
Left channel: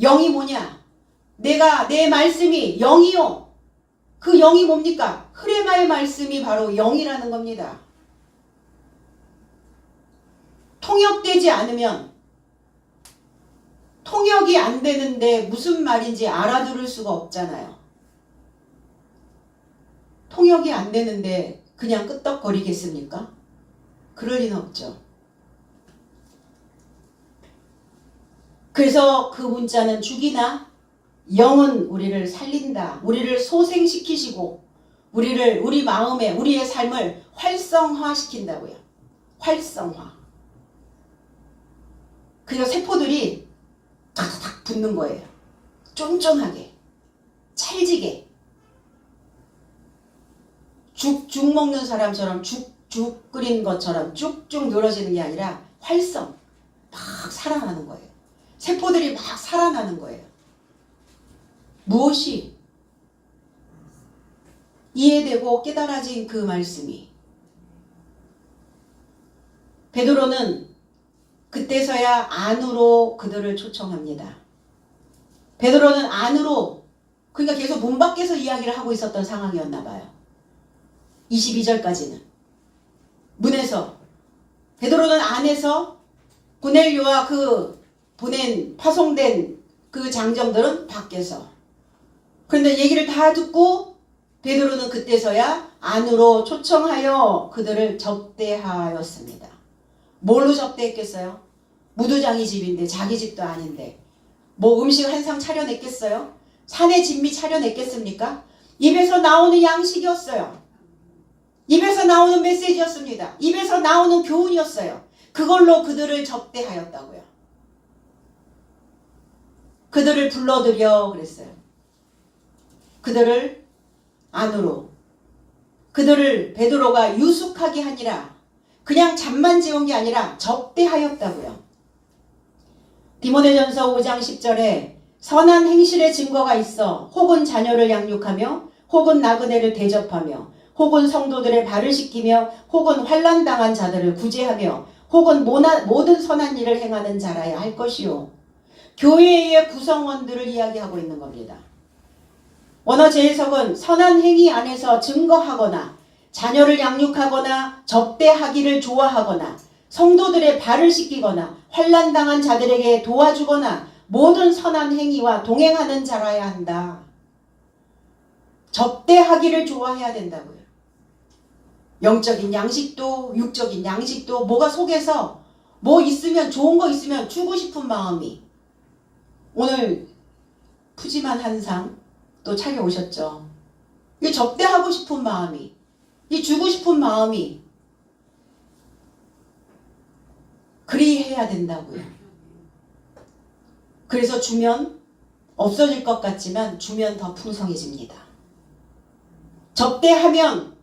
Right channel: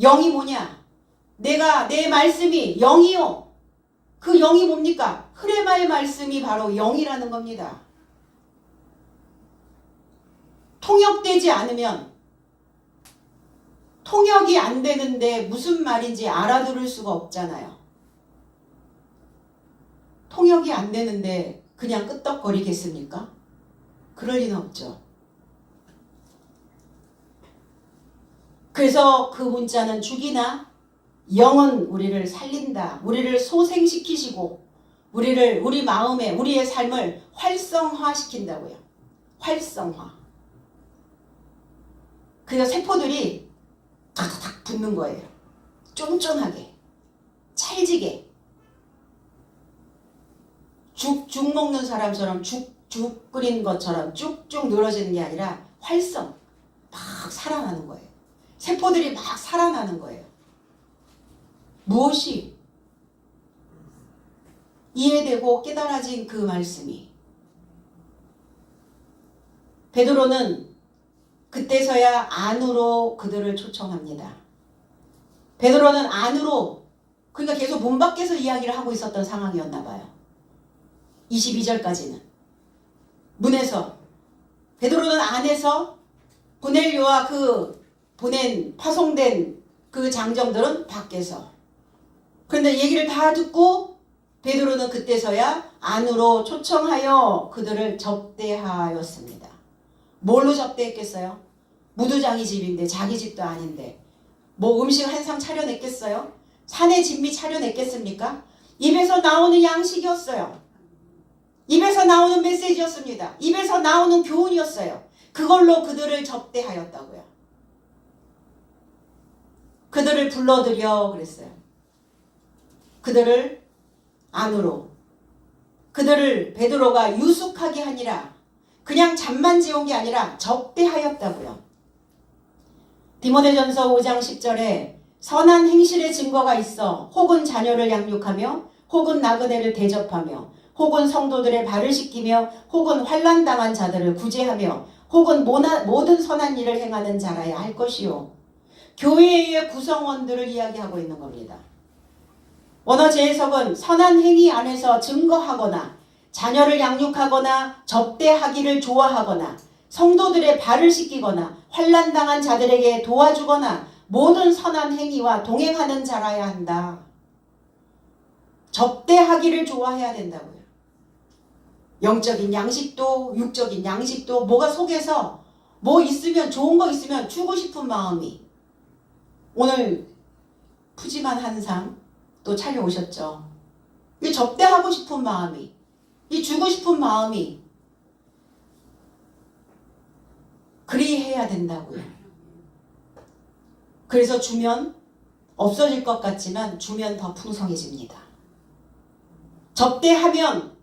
영이 뭐냐? 내 말씀이 영이요. 그 영이 뭡니까? 흐레마의 말씀이 바로 영이라는 겁니다. 통역되지 않으면 통역이 안 되는데 무슨 말인지 알아들을 수가 없잖아요. 통역이 안 되는데 그냥 끄떡거리겠습니까? 그럴 리는 없죠. 그래서 그 문자는 죽이나 영은 우리를 살린다. 우리를 소생시키시고 우리 마음에 우리의 삶을 활성화시킨다고요. 활성화. 그래서 세포들이 탁탁탁 붙는 거예요. 쫀쫀하게, 찰지게. 죽 먹는 사람처럼 죽 끓인 것처럼 쭉쭉 늘어지는 게 아니라 활성, 막 살아나는 거예요. 세포들이 막 살아나는 거예요. 무엇이 이해되고 깨달아진 그 말씀이. 베드로는 그때서야 안으로 그들을 초청합니다. 베드로는 안으로, 그러니까 계속 문 밖에서 이야기를 하고 있었던 상황이었나 봐요. 22절까지는 문에서, 베드로는 안에서, 고넬료와 그 파송된 그 장정들은 밖에서. 그런데 얘기를 다 듣고 베드로는 그때서야 안으로 초청하여 그들을 접대하였습니다. 뭘로 접대했겠어요? 무도장이 집인데, 자기 집도 아닌데 뭐 음식 한 상 차려냈겠어요? 산의 진미 차려냈겠습니까? 입에서 나오는 양식이었어요. 입에서 나오는 메시지였습니다. 입에서 나오는 교훈이었어요. 그걸로 그들을 접대하였다고요. 그들을 불러들여 그랬어요. 그들을 안으로, 그들을 베드로가 유숙하게 하니라. 그냥 잠만 재운 게 아니라 접대하였다고요. 디모데전서 5장 10절에 선한 행실의 증거가 있어 혹은 자녀를 양육하며 혹은 나그네를 대접하며 혹은 성도들의 발을 씻기며 혹은 환난당한 자들을 구제하며 혹은 모든 선한 일을 행하는 자라야 할 것이요. 교회의 구성원들을 이야기하고 있는 겁니다. 원어 재해석은 선한 행위 안에서 증거하거나 자녀를 양육하거나 접대하기를 좋아하거나 성도들의 발을 씻기거나 환난당한 자들에게 도와주거나 모든 선한 행위와 동행하는 자라야 한다. 접대하기를 좋아해야 된다고요. 영적인 양식도 육적인 양식도 뭐가 속에서 뭐 있으면, 좋은 거 있으면 주고 싶은 마음이, 오늘 푸짐한 한상 또 차려오셨죠. 이 접대하고 싶은 마음이, 이 주고 싶은 마음이 그리해야 된다고요. 그래서 주면 없어질 것 같지만 주면 더 풍성해집니다. 접대하면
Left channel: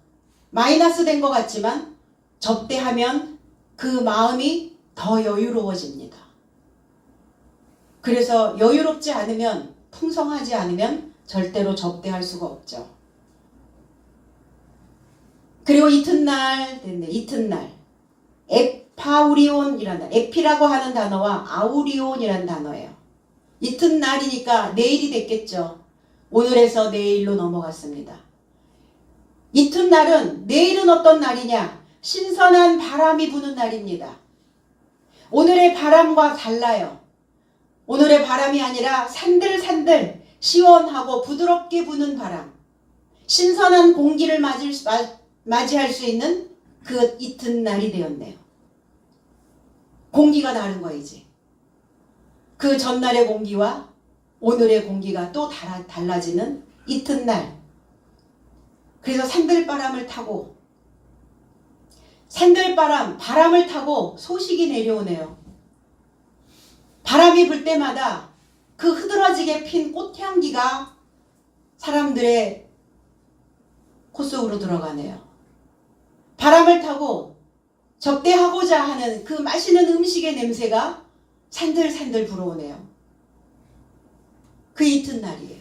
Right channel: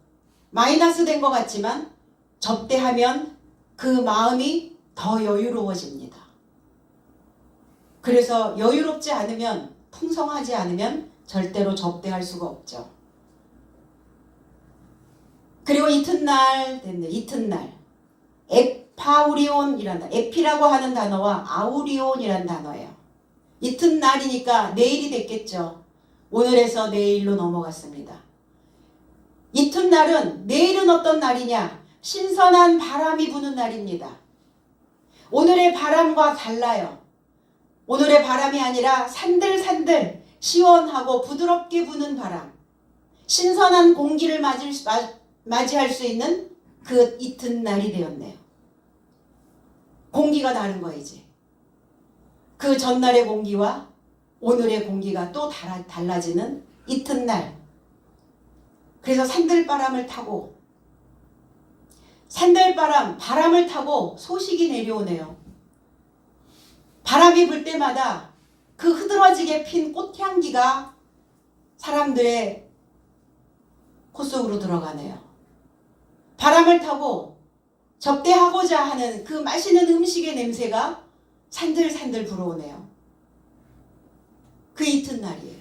마이너스 된 것 같지만 접대하면 그 마음이 더 여유로워집니다. 그래서 여유롭지 않으면, 풍성하지 않으면 절대로 접대할 수가 없죠. 그리고 이튿날 됐네. 이튿날 에파우리온이라는, 에피라고 하는 단어와 아우리온이라는 단어예요. 이튿날이니까 내일이 됐겠죠. 오늘에서 내일로 넘어갔습니다. 이튿날은, 내일은 어떤 날이냐? 신선한 바람이 부는 날입니다. 오늘의 바람과 달라요. 오늘의 바람이 아니라 산들산들 시원하고 부드럽게 부는 바람, 신선한 공기를 맞이할 수 있는 그 이튿날이 되었네요. 공기가 다른 거이지. 그 전날의 공기와 오늘의 공기가 또 달라지는 이튿날. 그래서 산들바람을 타고, 바람을 타고 소식이 내려오네요. 바람이 불 때마다 그 흐드러지게 핀 꽃향기가 사람들의 콧속으로 들어가네요. 바람을 타고 접대하고자 하는 그 맛있는 음식의 냄새가 산들산들 불어오네요. 그 이튿날이에요.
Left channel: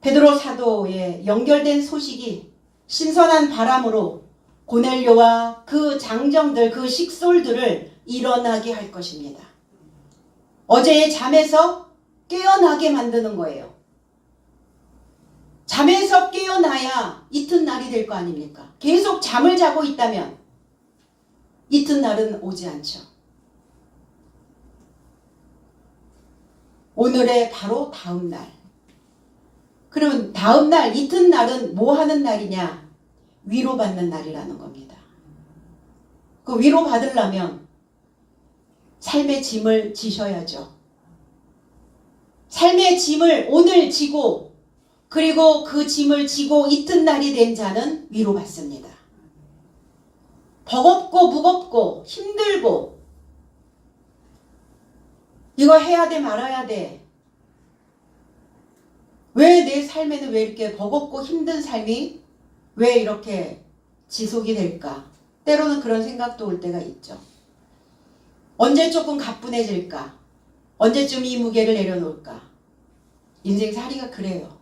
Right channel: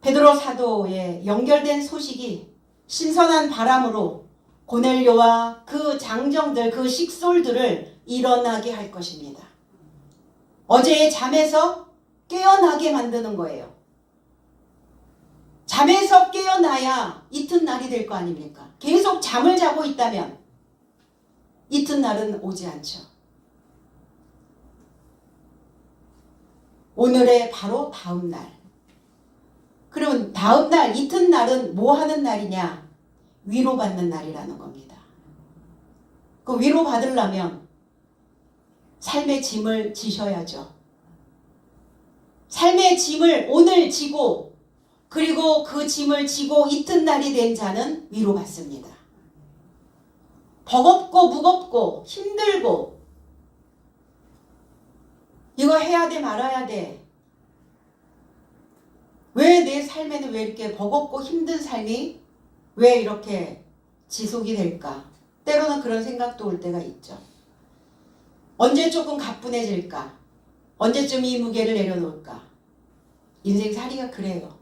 베드로 사도에 연결된 소식이 신선한 바람으로 고넬료와 그 장정들, 그 식솔들을 일어나게 할 것입니다. 어제의 잠에서 깨어나게 만드는 거예요. 잠에서 깨어나야 이튿날이 될 거 아닙니까? 계속 잠을 자고 있다면 이튿날은 오지 않죠. 오늘의 바로 다음 날. 그러면 다음 날, 이튿날은 뭐 하는 날이냐? 위로받는 날이라는 겁니다. 그 위로받으려면 삶의 짐을 지셔야죠. 삶의 짐을 오늘 지고 그리고 그 짐을 지고 이튿날이 된 자는 위로받습니다. 버겁고 무겁고 힘들고 이거 해야 돼 말아야 돼. 왜 내 삶에는 왜 이렇게 버겁고 힘든 삶이 왜 이렇게 지속이 될까? 때로는 그런 생각도 올 때가 있죠. 언제 조금 가뿐해질까? 언제쯤 이 무게를 내려놓을까? 인생살이가 그래요.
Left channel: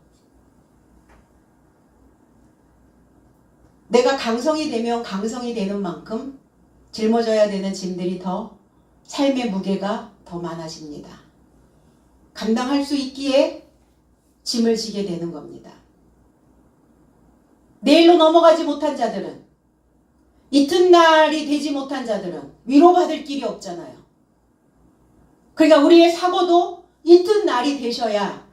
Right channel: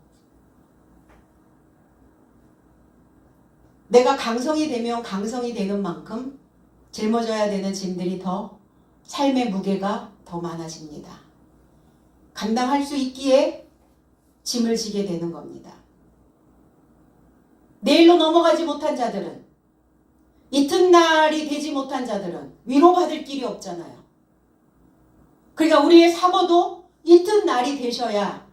내가 강성이 되면 강성이 되는 만큼 짊어져야 되는 짐들이 더 삶의 무게가 더 많아집니다. 감당할 수 있기에 짐을 지게 되는 겁니다. 내일로 넘어가지 못한 자들은, 이튿날이 되지 못한 자들은 위로받을 길이 없잖아요. 그러니까 우리의 사고도 이튿날이 되셔야,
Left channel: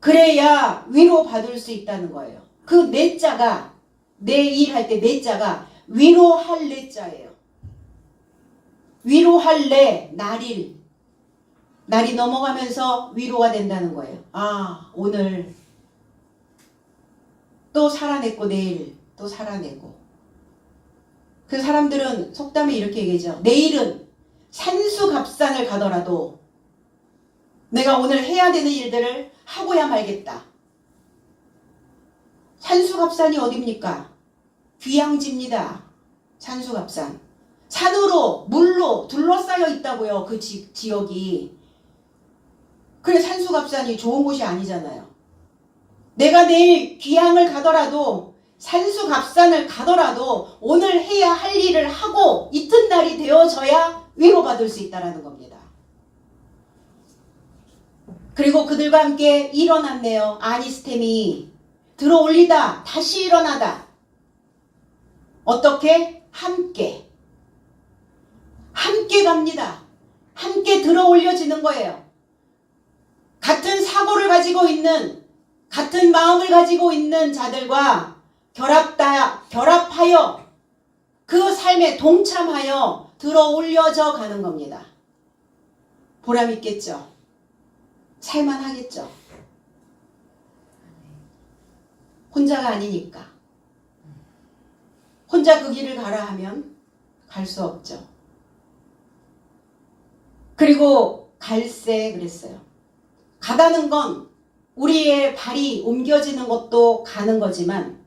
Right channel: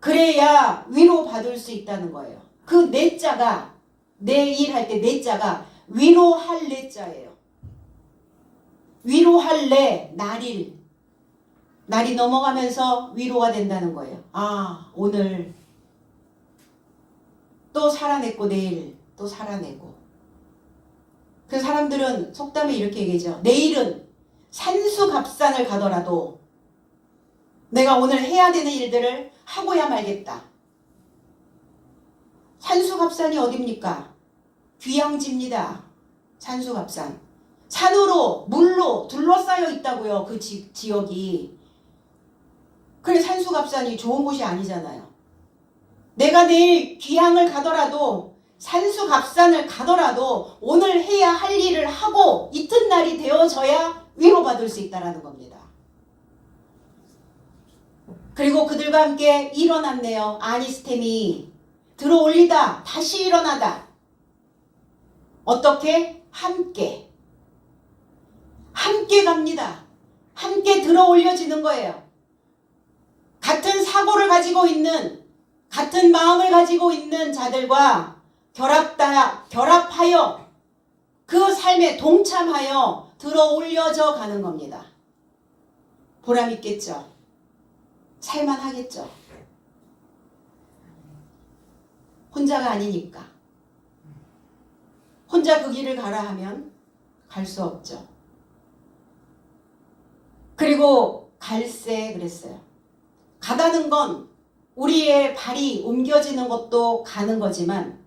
그래야 위로받을 수 있다는 거예요. 그 내자가, 내일 할 때 내자가 위로할 내자예요. 위로할 내, 날이 넘어가면서 위로가 된다는 거예요. 아, 오늘 또 살아냈고 내일 또 살아내고. 그 사람들은 속담에 이렇게 얘기하죠. 내일은 산수갑산을 가더라도 내가 오늘 해야 되는 일들을 하고야 말겠다. 산수갑산이 어딥니까? 귀양지입니다. 산수갑산. 산으로 물로 둘러싸여 있다고요. 그 지역이. 그래 산수갑산이 좋은 곳이 아니잖아요. 내가 내일 귀양을 가더라도 산수갑산을 가더라도 오늘 해야 할 일을 하고 이튿날이 되어져야 위로받을 수 있다는 겁니다. 그리고 그들과 함께 일어났네요. 아니스템이 들어올리다 다시 일어나다. 어떻게? 함께 갑니다. 함께 들어올려지는 거예요. 같은 사고를 가지고 있는, 같은 마음을 가지고 있는 자들과 결합하여 그 삶에 동참하여 들어올려져 가는 겁니다. 보람 있겠죠? 살만하겠죠? 혼자가 아니니까. 혼자 그 길을 가라 하면 갈 수 없죠. 그리고 갈새 그랬어요. 가다는 건 우리의 발이 옮겨지는 것도 가는 거지만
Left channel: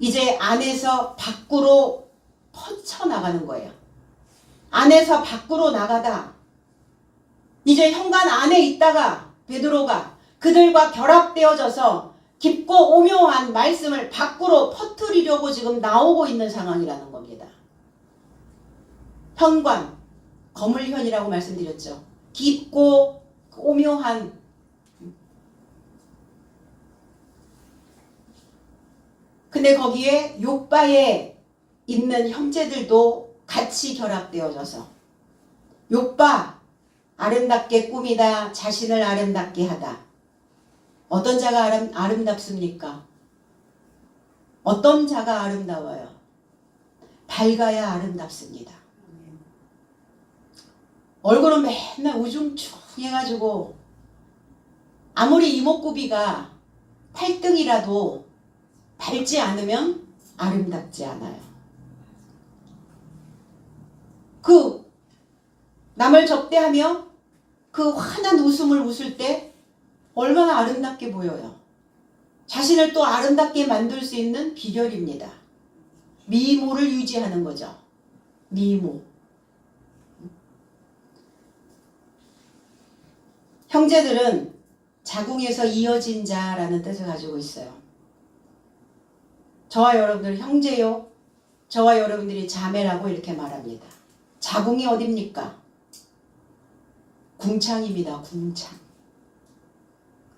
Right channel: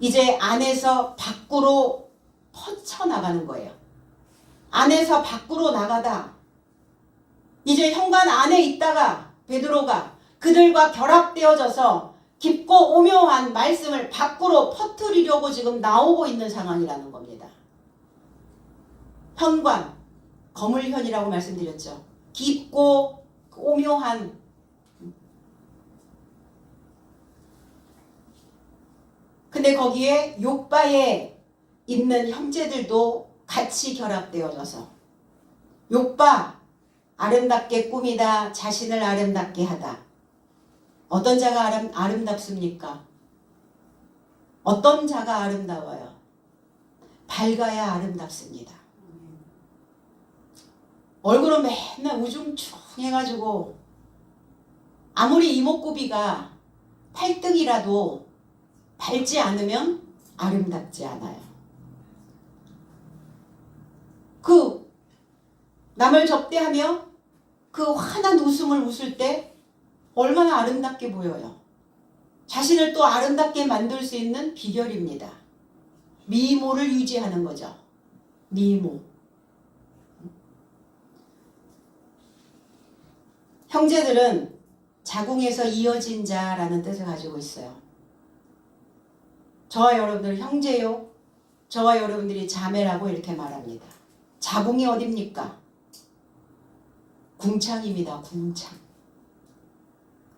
이제 안에서 밖으로 퍼쳐나가는 거예요. 안에서 밖으로 나가다 이제 현관 안에 있다가 베드로가 그들과 결합되어져서 깊고 오묘한 말씀을 밖으로 퍼뜨리려고 지금 나오고 있는 상황이라는 겁니다. 현관, 거물현이라고 말씀드렸죠. 깊고 오묘한. 근데 거기에 욥바에 있는 형제들도 같이 결합되어져서 욥바 아름답게 꾸미다 자신을 아름답게 하다. 어떤 자가 아름답습니까? 어떤 자가 아름다워요? 밝아야 아름답습니다. 얼굴은 맨날 우중충 해가지고 아무리 이목구비가 8등이라도 밝지 않으면 아름답지 않아요. 그 남을 접대하며 그 환한 웃음을 웃을 때 얼마나 아름답게 보여요. 자신을 또 아름답게 만들 수 있는 비결입니다. 미모를 유지하는 거죠. 미모. 형제들은 자궁에서 이어진 자라는 뜻을 가지고 있어요. 저와 여러분들 형제요. 저와 여러분들이 자매라고 이렇게 말합니다. 자궁이 어딥니까? 궁창입니다. 궁창.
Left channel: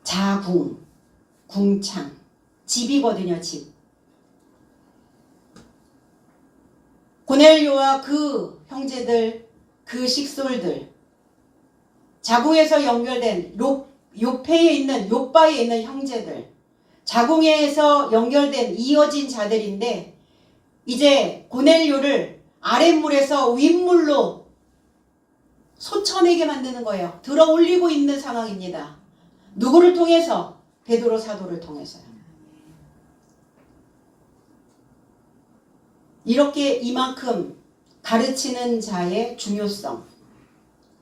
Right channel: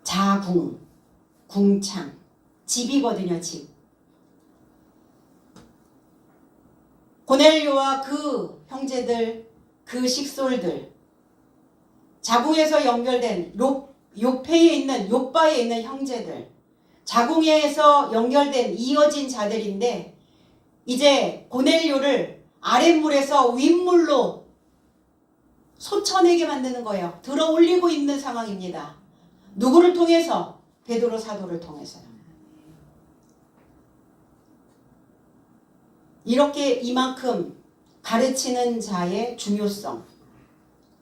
자궁, 궁창. 집이거든요. 집. 고넬료와 그 형제들, 그 식솔들, 자궁에서 연결된 요페에 있는 요바에 있는 형제들, 자궁에서 연결된 이어진 자들인데 이제 고넬료를 아랫물에서 윗물로 솟아내게 만드는 거예요. 들어 올리고 있는 상황입니다. 누구를 통해서? 베드로 사도를 통해서요. 이렇게 이만큼 가르치는 자의 중요성,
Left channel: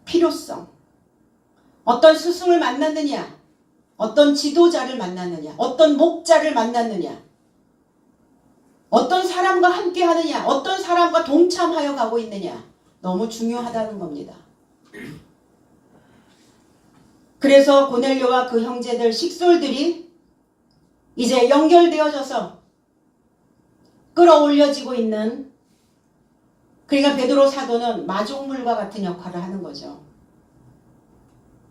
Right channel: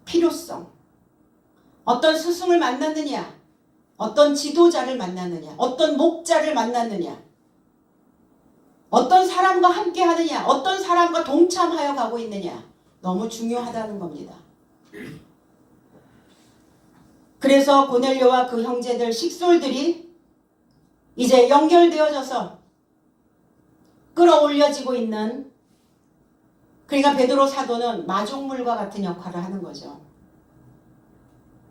필요성, 어떤 스승을 만났느냐, 어떤 지도자를 만났느냐, 어떤 목자를 만났느냐, 어떤 사람과 함께 하느냐, 어떤 사람과 동참하여 가고 있느냐, 너무 중요하다는 겁니다. 그래서 고넬료와 그 형제들 식솔들이 이제 연결되어져서 끌어올려지고 있는, 그러니까 베드로 사도는 마중물과 같은 역할을 하는 거죠.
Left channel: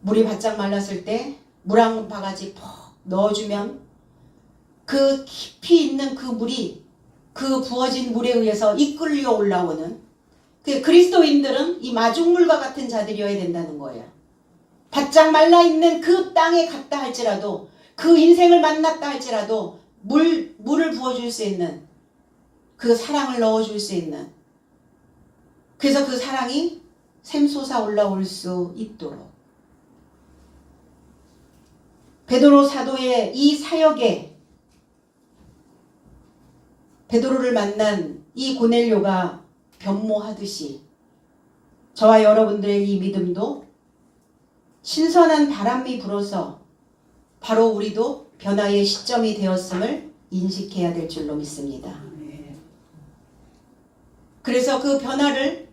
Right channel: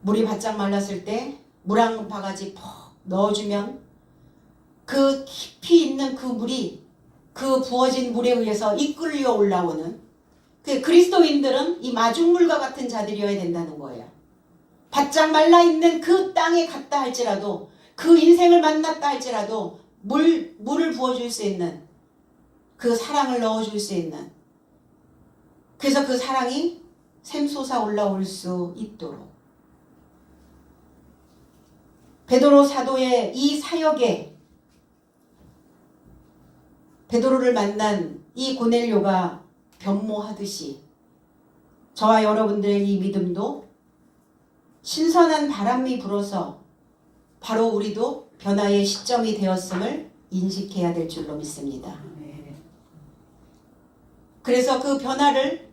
물이 바짝 말랐을 때 물 한 바가지 퍽 넣어주면 그 깊이 있는 그 물이 그 부어진 물에 의해서 이끌려 올라오는, 그 그리스도인들은 이 마중물과 같은 자들이어야 된다는 거예요. 바짝 말라있는 그 땅에 갔다 할지라도, 그 인생을 만났다 할지라도 물을 부어줄 수 있는, 그 사랑을 넣어줄 수 있는, 그래서 그 사랑이 샘솟아 올라올 수 있도록 베드로 사도의 이 사역에 베드로를 만난 이 고넬료가 변모하듯이 저와 여러분들의 이 믿음도 신선한 바람이 불어서 바로 우리도 변화의 시점이 되었음을 인식해야 될 줄로 믿습니다. 그래서 그 변화를,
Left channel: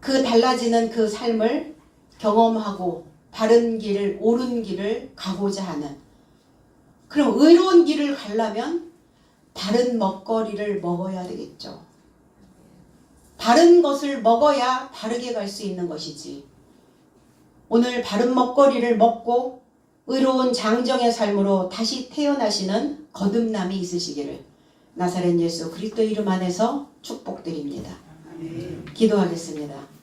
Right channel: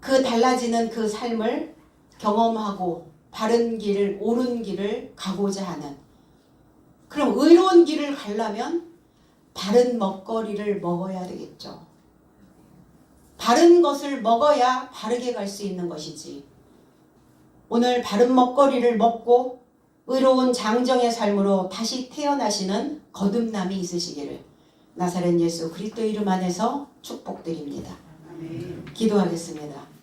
그 달라지는 그 삶을 경험하고 바른 길을, 옳은 길을 가고자 하는, 그럼 의로운 길을 가려면 바른 먹거리를 먹어야 되겠죠. 바른 것을 먹어야 바르게 갈 수 있는 것이지. 오늘 바른 먹거리를 먹고 의로운 장정의 삶으로 다시 태어나시는 거듭남이 있으시기를 나사렛 예수 그리스도 이름 안에서 축복드립니다. 기도하겠습니다.